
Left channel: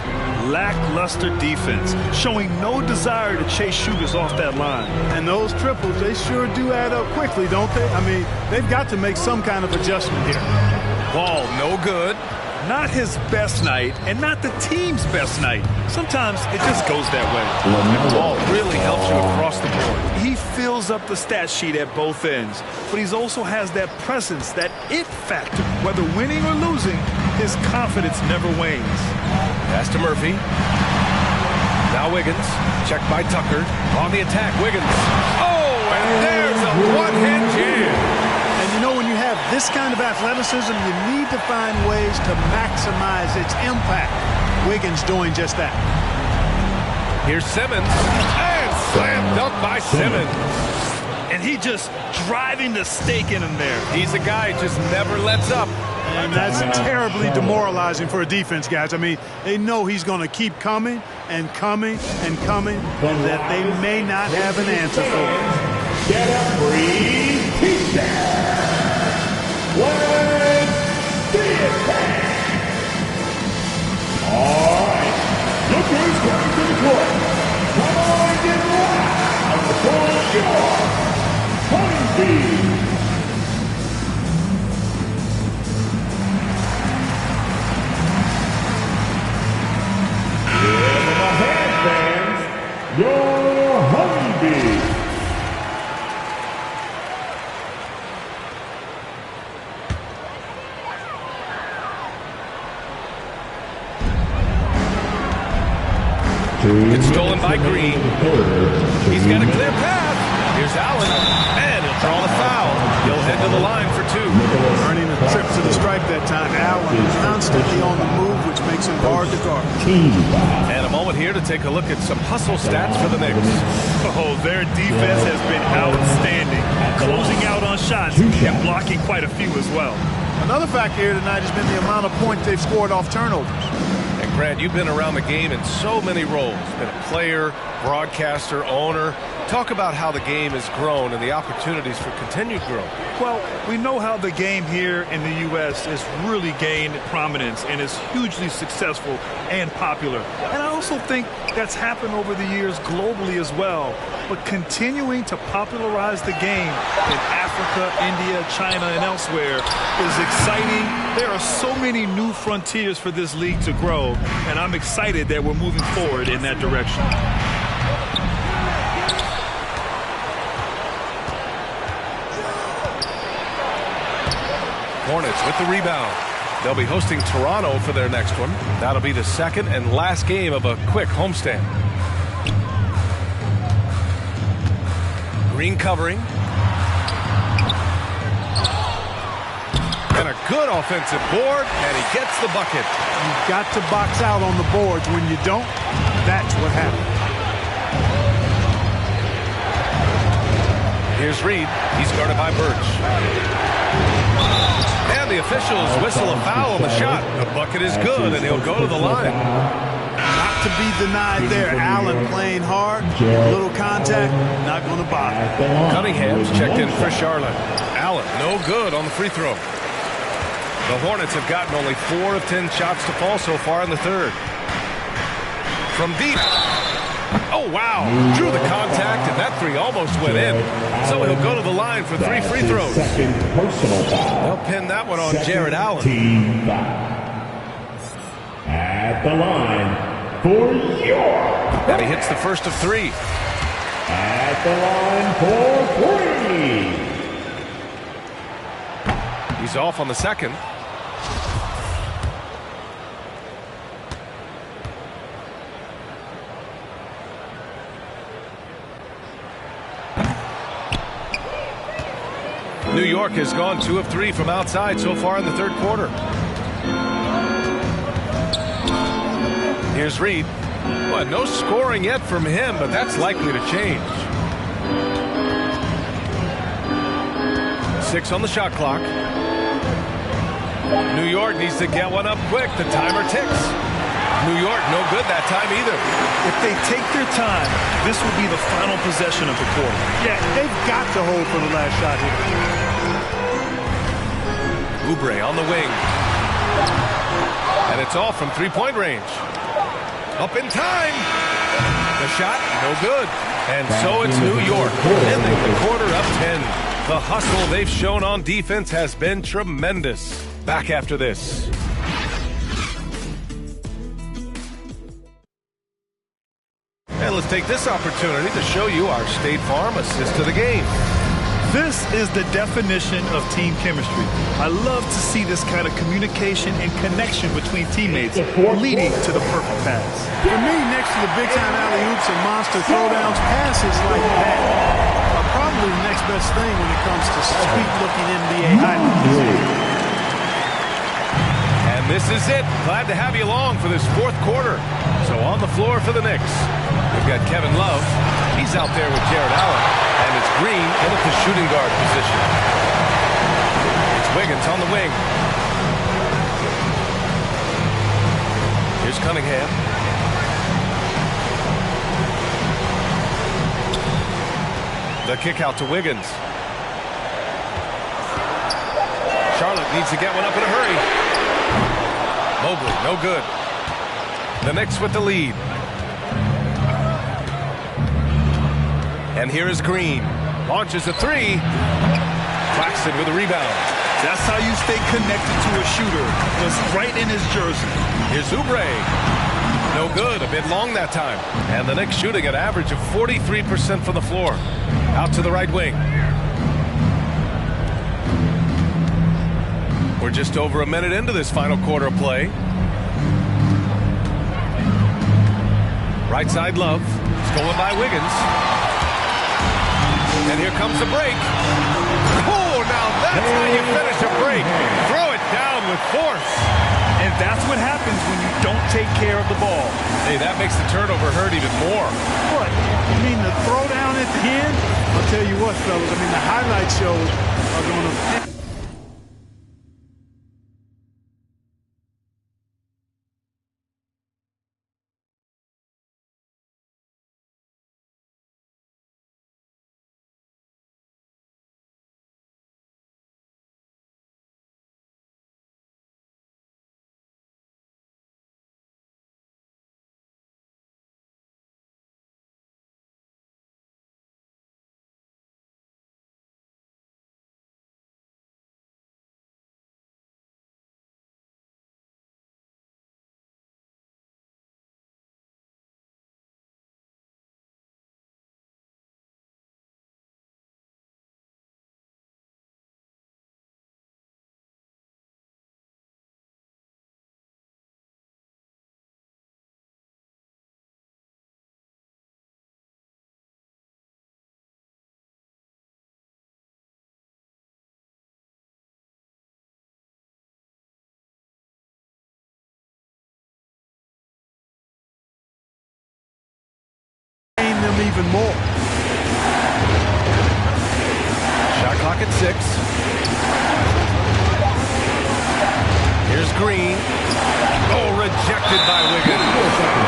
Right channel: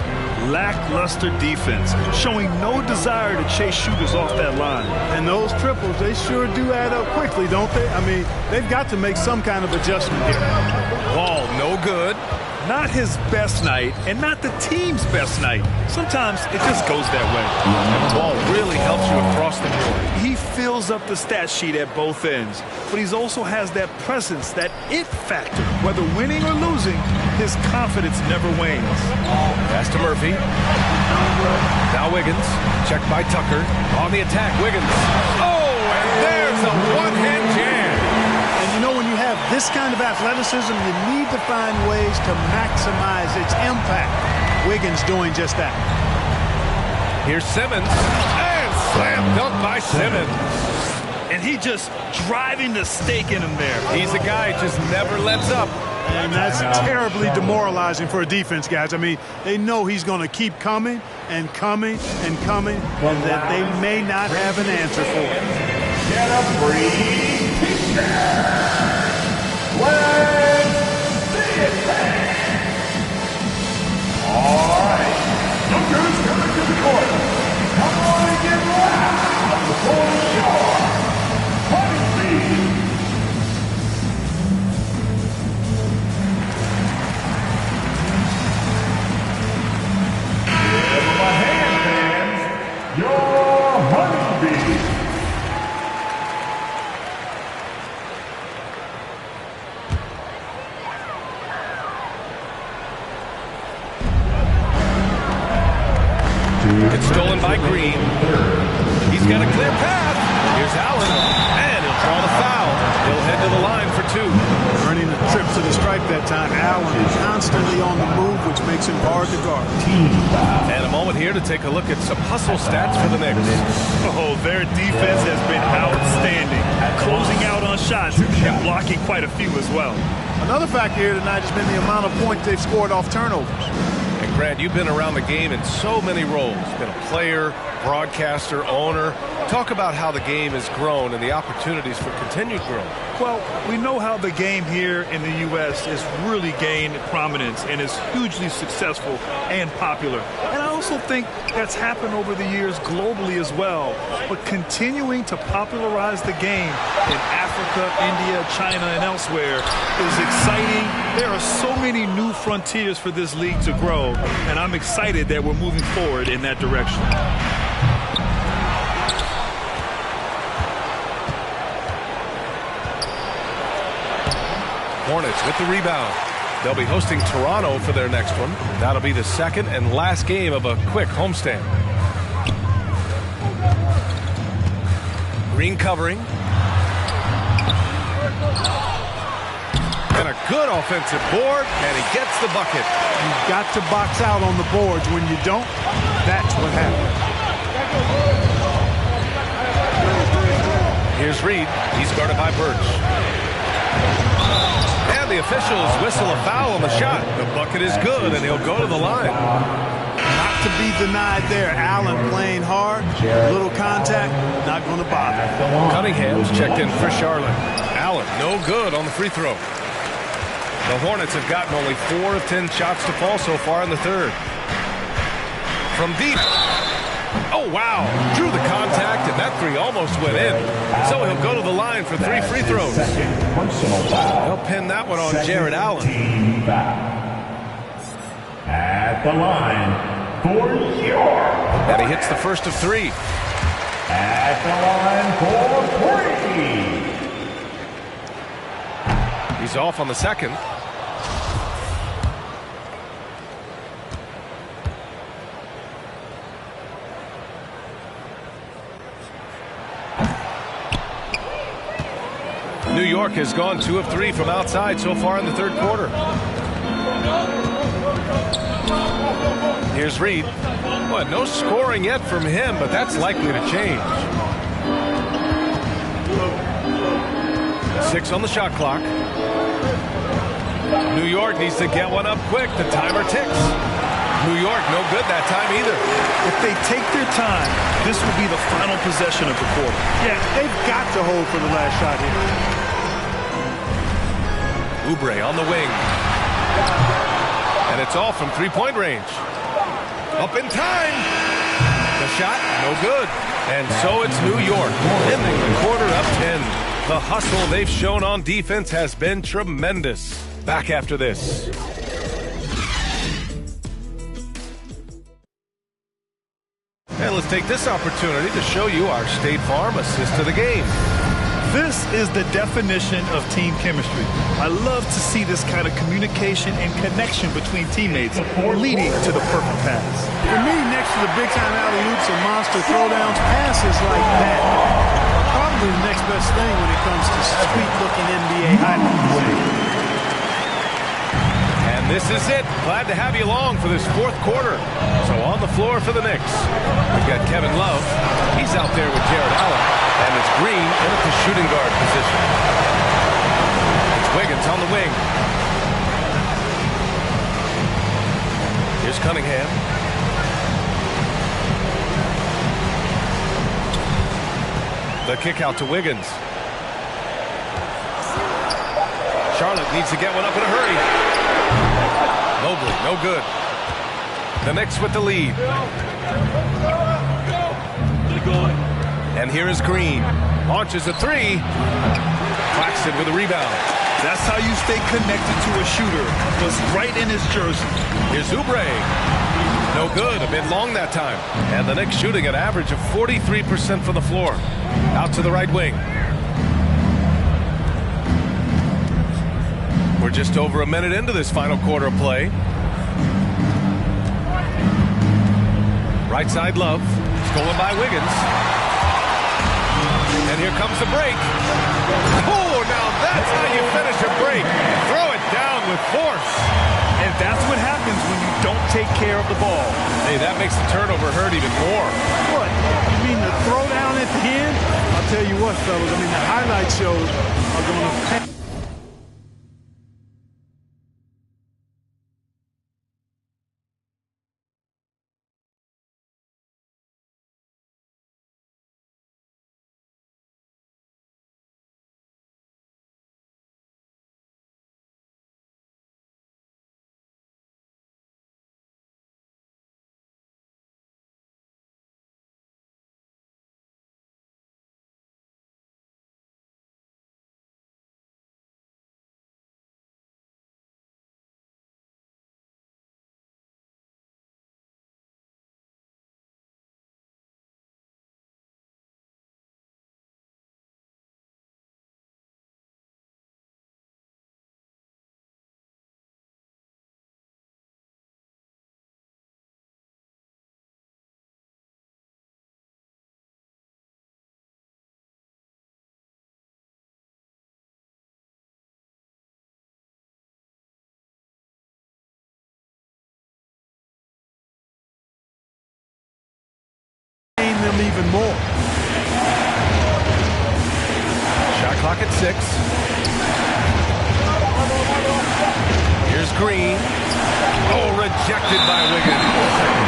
Lackluster defense, showing no desire to chase shooters off that line. And those triples, they sure do add up quickly, don't they? I mean, they've got to make some kind of adjustment here. Ball, no good. Not his best night and not the team's best night. Sometimes it just goes that way. And the ball really helps you across the board. He fills up the stat sheet at both ends, but he also has that presence, that it factor. Whether winning or losing, his confidence never wanes. Pass to Murphy. Now Wiggins, checked by Tucker. On the attack, Wiggins. Oh, and there's a one-hand jam. And you know, when you have this kind of athleticism, you need to find ways to maximize its impact. Wiggins doing just that. Here's Simmons, and slam dunk by Simmons. And he just driving the stake in him there. He's a guy who just never lets up. And that's terribly demoralizing for a defense, guys. I mean, they know he's going to keep coming and coming and coming, and that they may not have an answer for it. Get a free t-shirt. Let's see it, fans. All right. Look who's coming to the court. Come on and get loud for your Honeybee. Give them a hand, fans. Your Honeybee. It's stolen by Green. He's got a clear path. Here's Allen, and he'll draw the foul. He'll head to the line for two. Earning a trip to the stripe that time. Allen constantly on the move, which makes him hard to guard. And a moment here to take a look at some hustle stats for the Knicks. Oh, their defense has been outstanding, closing out on shots and blocking quite a few as well. Another factor here tonight has been the amount of points they've scored off turnovers. And Grant, you've been around the game in so many roles. Been a player, broadcaster, owner. Talk about how the game has grown and the opportunities for continued growth. Well, we know how the game here in the U.S. has really gained prominence and is hugely successful and popular. And I also think that's happened over the years globally as well. But continuing to popularize the game in Africa, India, China, and elsewhere is exciting. There are so many new frontiers for this league to grow, and I'm excited that we're moving forward in that direction. Hornets with the rebound. They'll be hosting Toronto for their next one. That'll be the second and last game of a quick homestand. Green covering. And a good offensive board, and he gets the bucket. You've got to box out on the boards. When you don't, that's what happens. Here's Reed. He's guarded by Birch. And the officials whistle a foul on the shot. The bucket is good, and he'll go to the line. Not to be denied there. Allen playing hard, little contact, not going to bother. Cunningham's checked in for Charlotte. Allen, no good on the free throw. The Hornets have gotten only 4 of 10 shots to fall so far in the third. From deep. Oh, wow. Drew the contact, and that three almost went in. So he'll go to the line for 3 free throws. They'll pin that one on Jared Allen. At the line for York. And he hits the first of 3. At the line for 3. He's off on the second. New York has gone 2 of 3 from outside so far in the third quarter. Here's Reed. Well, no scoring yet from him, but that's likely to change. 6 on the shot clock. New York needs to get one up quick. The timer ticks. New York no good that time either. If they take their time, this will be the final possession of the quarter. Yeah, they've got to hold for the last shot here. Oubre on the wing. And it's all from 3-point range. Up in time. The shot, no good. And so it's New York, ending the quarter up 10. The hustle they've shown on defense has been tremendous. Back after this. And let's take this opportunity to show you our State Farm assist of the game. This is the definition of team chemistry. I love to see this kind of communication and connection between teammates leading to the perfect pass. For me, next to the big-time alley-oops and monster throwdowns, passes like that are probably the next best thing when it comes to sweet-looking NBA highlights. And this is it. Glad to have you along for this fourth quarter. So on the floor for the Knicks, we've got Kevin Love. He's out there with Jared Allen. And it's Green in at the shooting guard position. It's Wiggins on the wing. Here's Cunningham. The kick out to Wiggins. Charlotte needs to get one up in a hurry. Mobley, no good. The Knicks with the lead. And here is Green. Launches a three. Claxton with a rebound. That's how you stay connected to a shooter. Was right in his jersey. Here's Oubre. No good. A bit long that time. And the Knicks shooting an average of 43% from the floor. Out to the right wing. We're just over a minute into this final quarter of play. Right side Love. Stolen by Wiggins. And here comes the break. Oh, now that's how you finish a break. Throw it down with force. And that's what happens when you don't take care of the ball. Hey, that makes the turnover hurt even more. What? You mean the throwdown at the end? I'll tell you what, fellas. I mean, the highlight shows are going to... them even more. Shot clock at 6. Here's Green. Oh, rejected by Wiggins.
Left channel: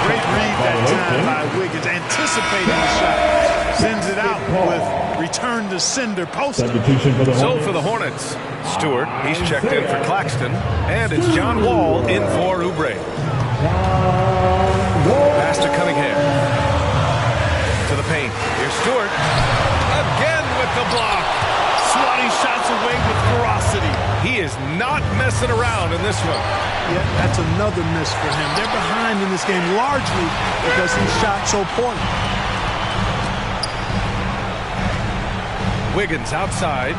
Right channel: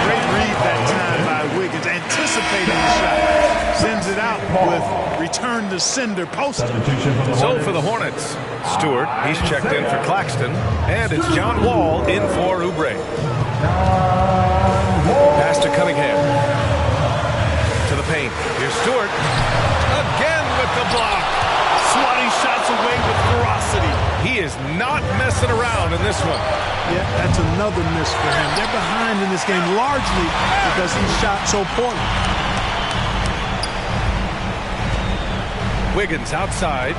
Great read that time by Wiggins, anticipating the shot. Sends it out with return to sender poster. So for the Hornets, Stewart, he's checked in for Claxton, and it's John Wall in for Oubre. Pass to Cunningham. To the paint. Here's Stewart. Again with the block. Swatting shots away with ferocity. He is not messing around in this one. Yeah, that's another miss for him. They're behind in this game largely because he shot so poorly. Wiggins outside.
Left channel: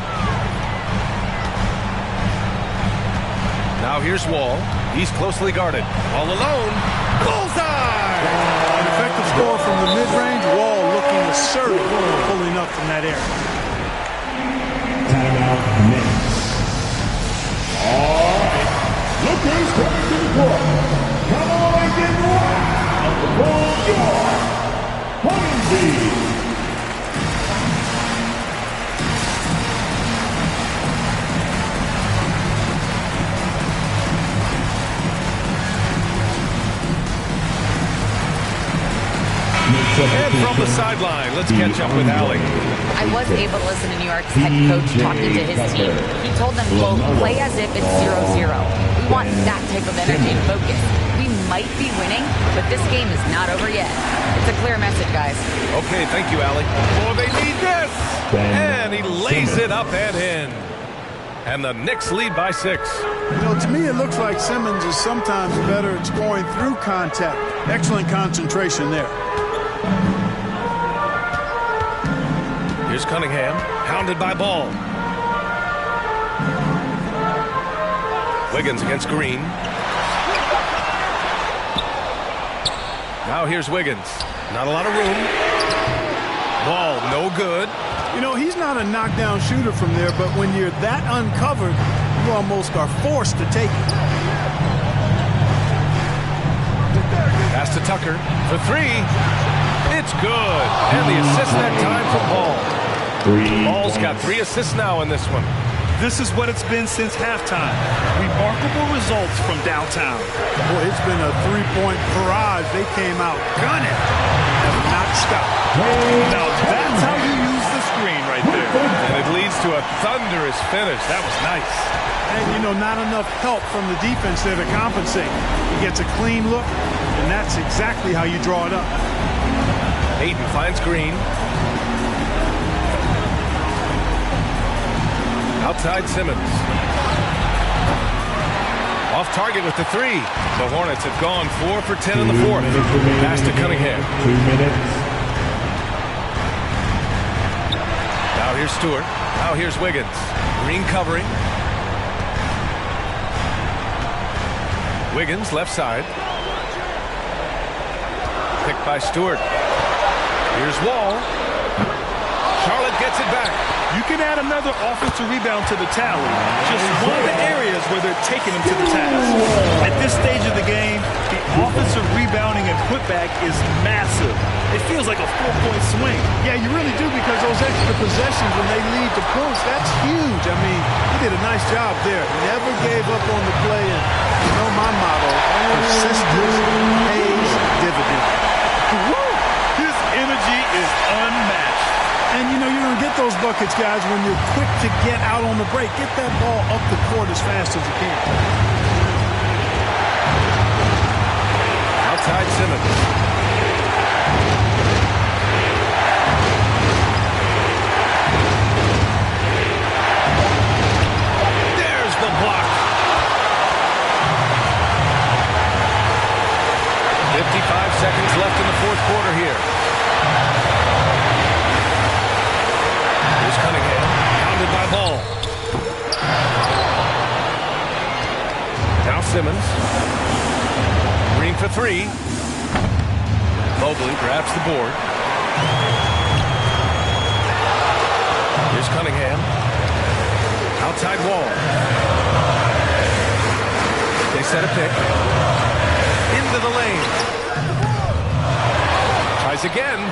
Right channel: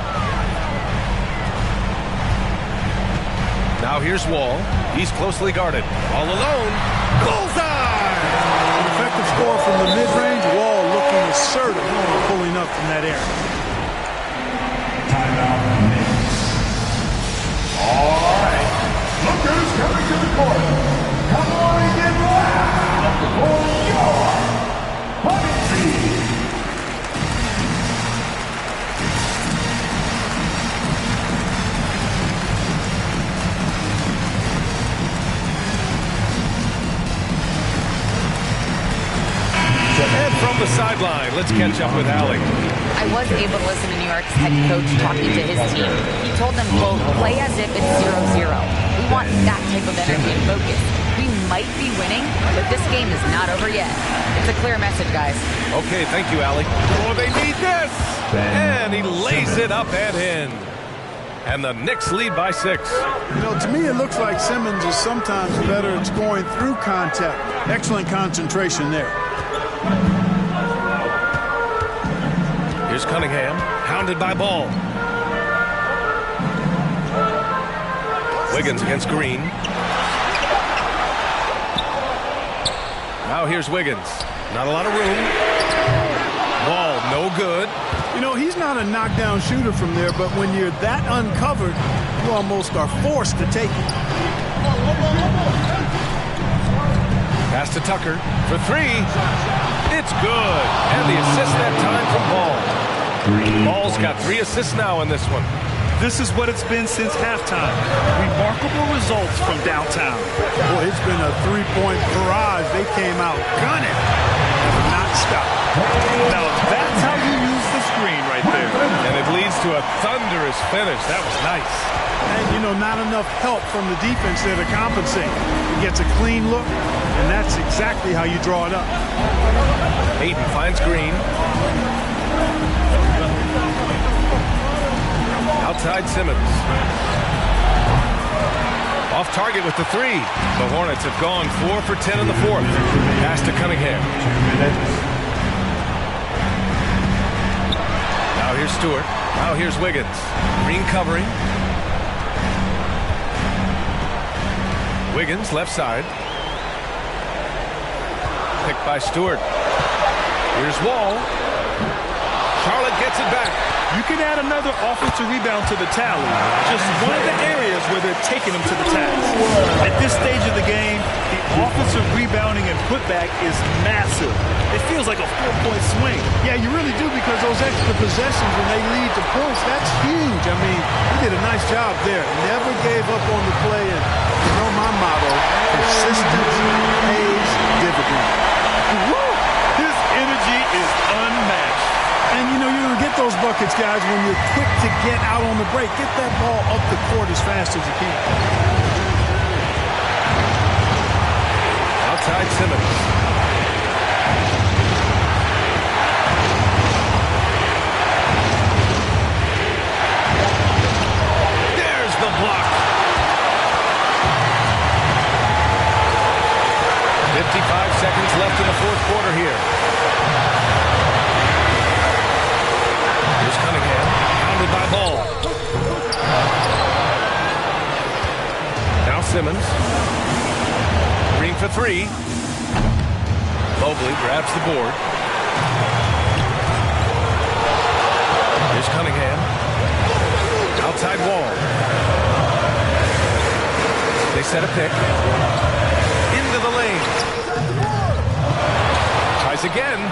Now here's Wall. He's closely guarded. All alone. Bullseye! An effective score from the mid-range. Wall looking assertive, pulling up from that area. Timeout, Knicks. All right. Look who's coming to the court. Come on and get loud for your Badnewz. And from the sideline, let's catch up with Allie. I was able to listen to New York's head coach talking to his team. He told them, quote, play as if it's 0-0. We want that type of energy and focus. We might be winning, but this game is not over yet. It's a clear message, guys. Okay, thank you, Allie. Oh, they need this! And he lays it up and in. And the Knicks lead by 6. You know, to me, it looks like Simmons is sometimes better at scoring through contact. Excellent concentration there. Here's Cunningham, hounded by Ball. Wiggins against Green. Now here's Wiggins. Not a lot of room. Ball, no good. You know, he's not a knockdown shooter from there, but when you're that uncovered, you almost are forced to take it. Pass to Tucker for three. It's good. And the assist that time from Ball. Ball's got 3 assists now in this one. This is what it's been since halftime. Remarkable results from downtown. Boy, it's been a three-point barrage. They came out gunning. Have not stopped. Now that's how you use the screen right there. And it leads to a thunderous finish. That was nice. And, you know, not enough help from the defense there to compensate. He gets a clean look, and that's exactly how you draw it up. Hayden finds Green. Outside Simmons. Off target with the 3. The Hornets have gone 4 for 10 in the fourth. Pass to Cunningham. 2 minutes. Now here's Stewart. Now here's Wiggins. Green covering. Wiggins left side. Picked by Stewart. Here's Wall. Charlotte gets it back. You can add another offensive rebound to the tally. Just one of the areas where they're taking them to the task. At this stage of the game, the offensive rebounding and putback is massive. It feels like a 4-point swing. Yeah, you really do, because those extra possessions when they lead to points, that's huge. I mean, he did a nice job there. Never gave up on the play. And you know my motto, persistence pays dividends. Woo! His energy is unmatched. And, you know, you're going to get those buckets, guys, when you're quick to get out on the break. Get that ball up the court as fast as you can. Outside Simmons. There's the block. 55 seconds left in the fourth quarter here. Here's Cunningham, pounded by Ball. Now Simmons. Green for 3. Mobley grabs the board. Here's Cunningham. Outside Wall. They set a pick. Into the lane. Tries again.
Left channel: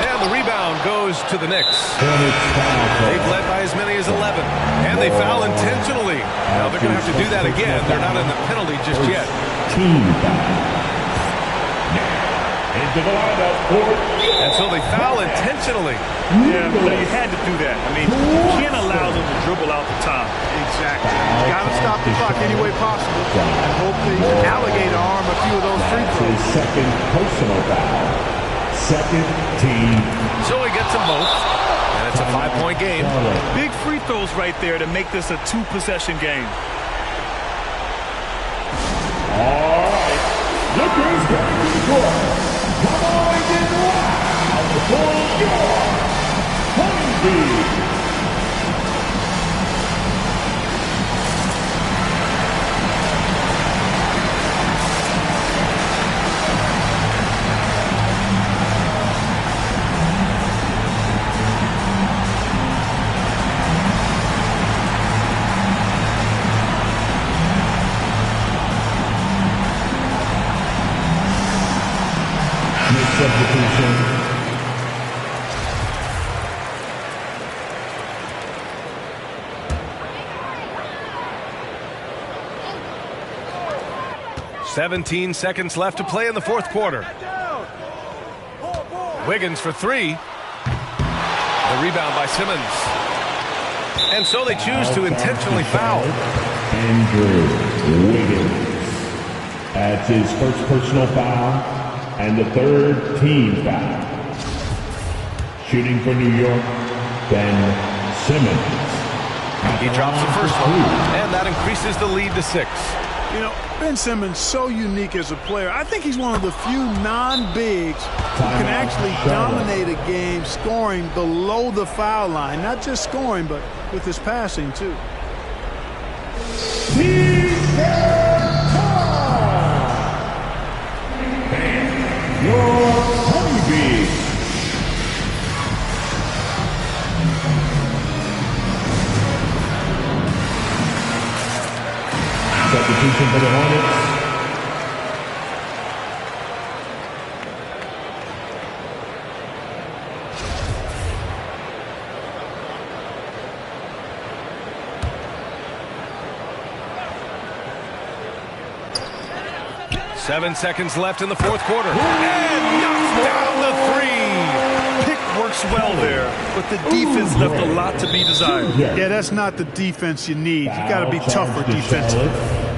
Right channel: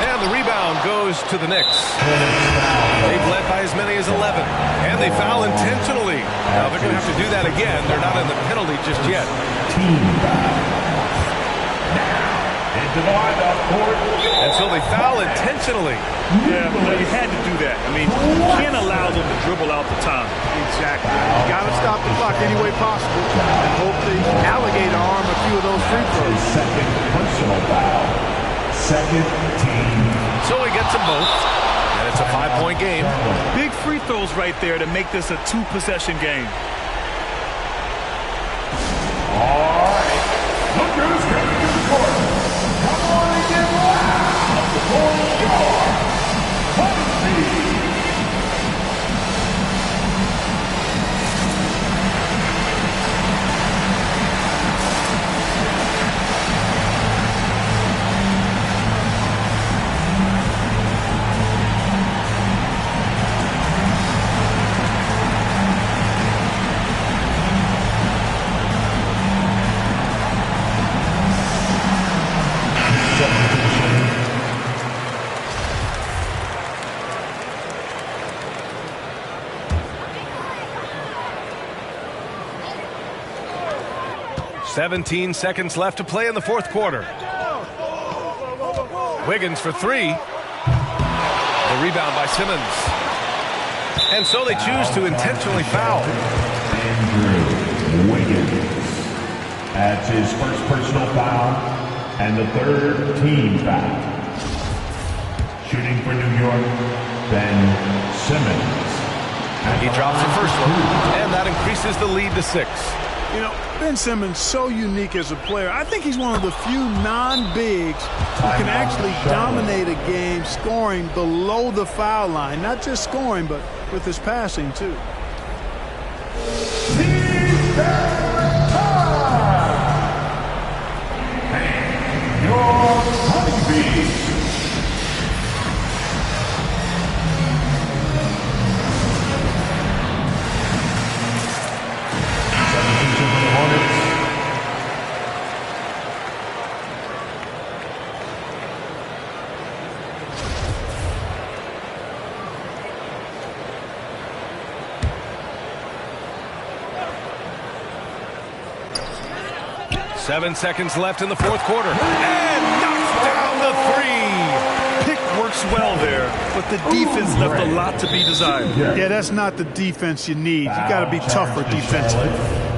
And the rebound goes to the Knicks. They've led by as many as 11. And they foul intentionally. Now they're going to have to do that again. They're not in the penalty just yet. Team foul. Into the lineup for And so they foul intentionally. Yeah, well, you had to do that. I mean, you can't allow them to dribble out the time. Exactly. You got to stop the clock any way possible and hope the alligator arm a few of those free throws. his second personal foul. Second team. So he gets them both. And it's a 5-point game. Big free throws right there to make this a 2-possession game. All right. Look who's coming to the court. Come on and get loud for your Honeybee. Substitution. "17 seconds left to play in the fourth quarter. Wiggins for 3. The rebound by Simmons. And so they choose to intentionally foul. Andrew Wiggins. That's his first personal foul and the third team foul. Shooting for New York, Ben Simmons. He drops the first one, and that increases the lead to 6. You know, Ben Simmons so unique as a player. I think he's one of the few non-bigs who can actually dominate a game scoring below the foul line. Not just scoring, but with his passing, too. Your honeybee. Substitution for the Hornets. Seven seconds left in the fourth quarter. And knocks down the three. Pick works well there, but the defense left a lot to be desired. Yeah, that's not the defense you need. You got to be tougher defensively.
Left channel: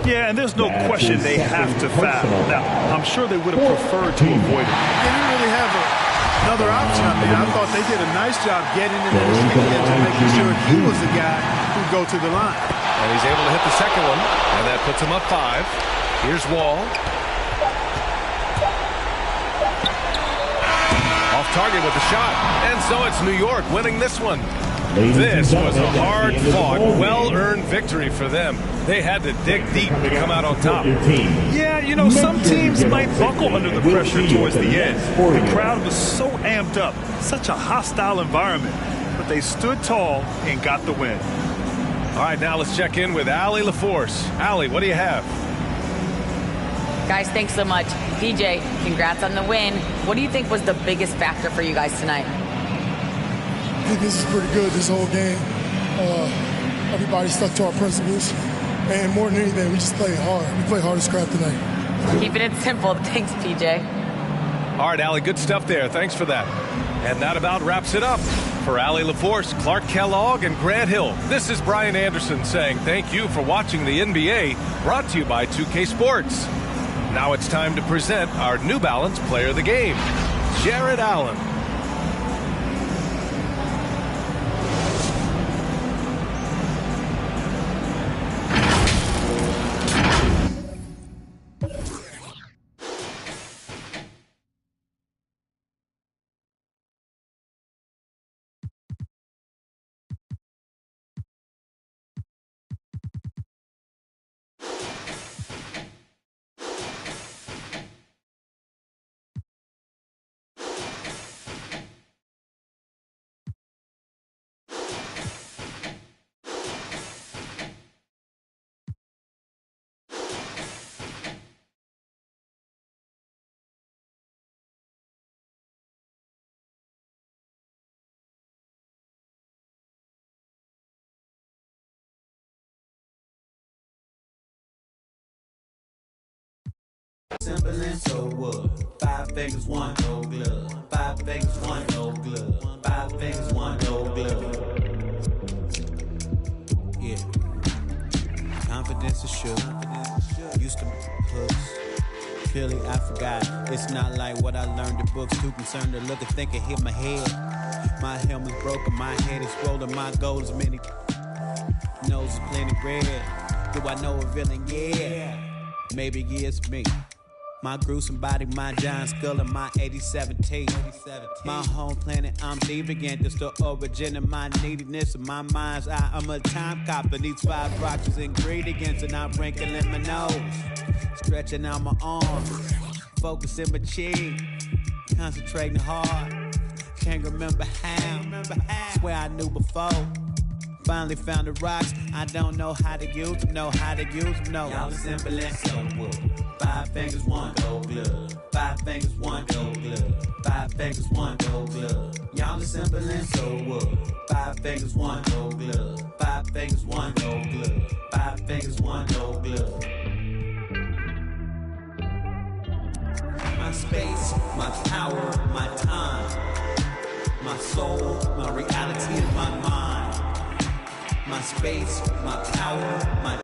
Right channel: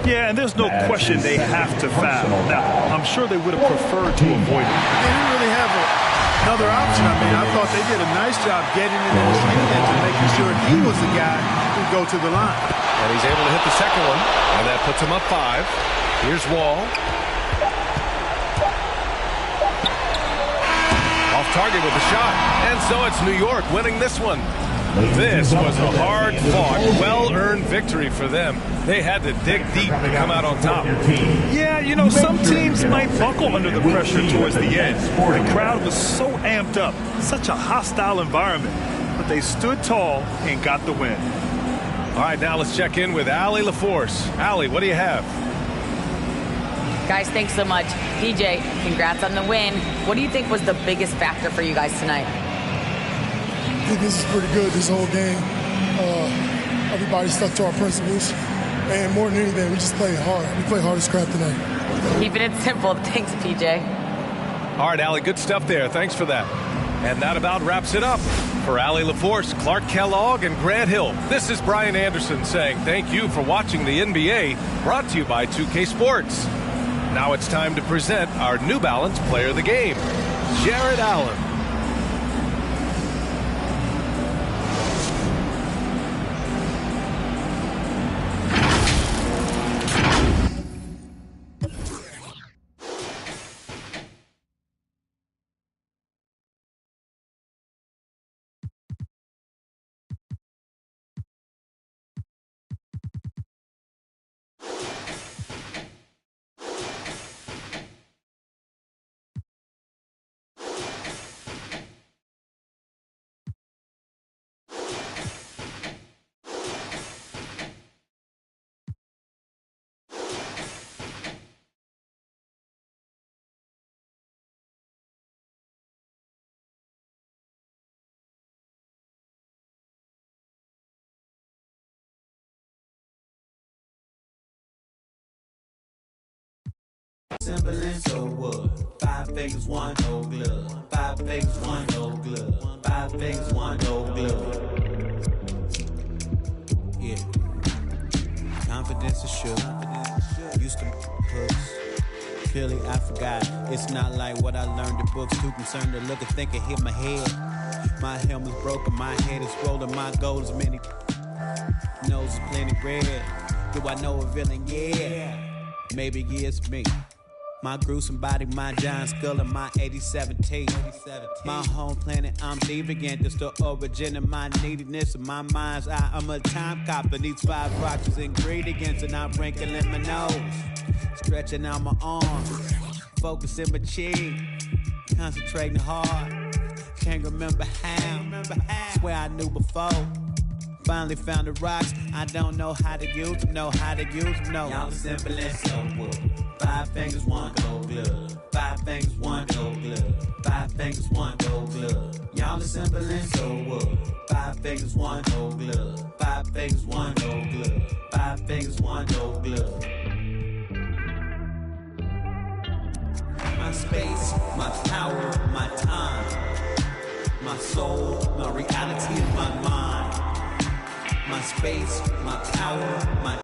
Yeah, and there's no question they have to foul. Now, I'm sure they would have preferred to avoid it. They didn't really have another option. I mean, I thought they did a nice job getting it in his hands and making sure he was the guy who'd go to the line. And he's able to hit the second one, and that puts him up 5. Here's Wall. Off target with the shot. And so it's New York winning this one. This was a hard-fought, well-earned victory for them. They had to dig deep to come out on top. Yeah, you know, some teams might buckle under the pressure towards the end. The crowd was so amped up, such a hostile environment. But they stood tall and got the win. All right, now let's check in with Allie LaForce. Allie, what do you have? Guys, thanks so much. DJ, congrats on the win. What do you think was the biggest factor for you guys tonight? I think this is pretty good, this whole game. Everybody stuck to our principles. And more than anything, we just played hard. We played hard as crap tonight. Keeping it simple. Thanks, PJ. All right, Allie, good stuff there. Thanks for that. And that about wraps it up. For Allie LaForce, Clark Kellogg, and Grant Hill, this is Brian Anderson saying thank you for watching the NBA, brought to you by 2K Sports. Now it's time to present our New Balance Player of the Game, Jared Allen. Simple and so what? 5 fingers, 1 gold glove. 5 fingers, 1 gold glove. 5 fingers, 1 gold glove. Yeah. Confidence is sure. Used to hooks. Clearly I forgot. It's not like what I learned in books. Too concerned to look and think and hit my head. My helmet's broken, my head is swollen, my goal is many. Nose is plenty red. Do I know a villain? Yeah. Maybe it's me. My gruesome body, my giant skull, and my 87 teeth. My home planet, I'm deviant. It's the origin of my neediness of my mind's eye. I'm a time cop, and these 5 rocks is ingredients, and I'm wrinkling my nose, stretching out my arm, focusing my cheek, concentrating hard. Can't remember how. Swear I knew before. Finally found the rocks. I don't know how to use them. Know how to use them. No. Y'all are simple and so what? 5 fingers, 1 gold glove. 5 fingers, 1 gold glove. 5 fingers, 1 gold glove. Y'all are simple and so what? 5 fingers, 1 gold glove. 5 fingers, 1 gold glove. 5 fingers, 1 gold glove. My space, my power, my time, my soul, my reality, and my mind. My space, my power, my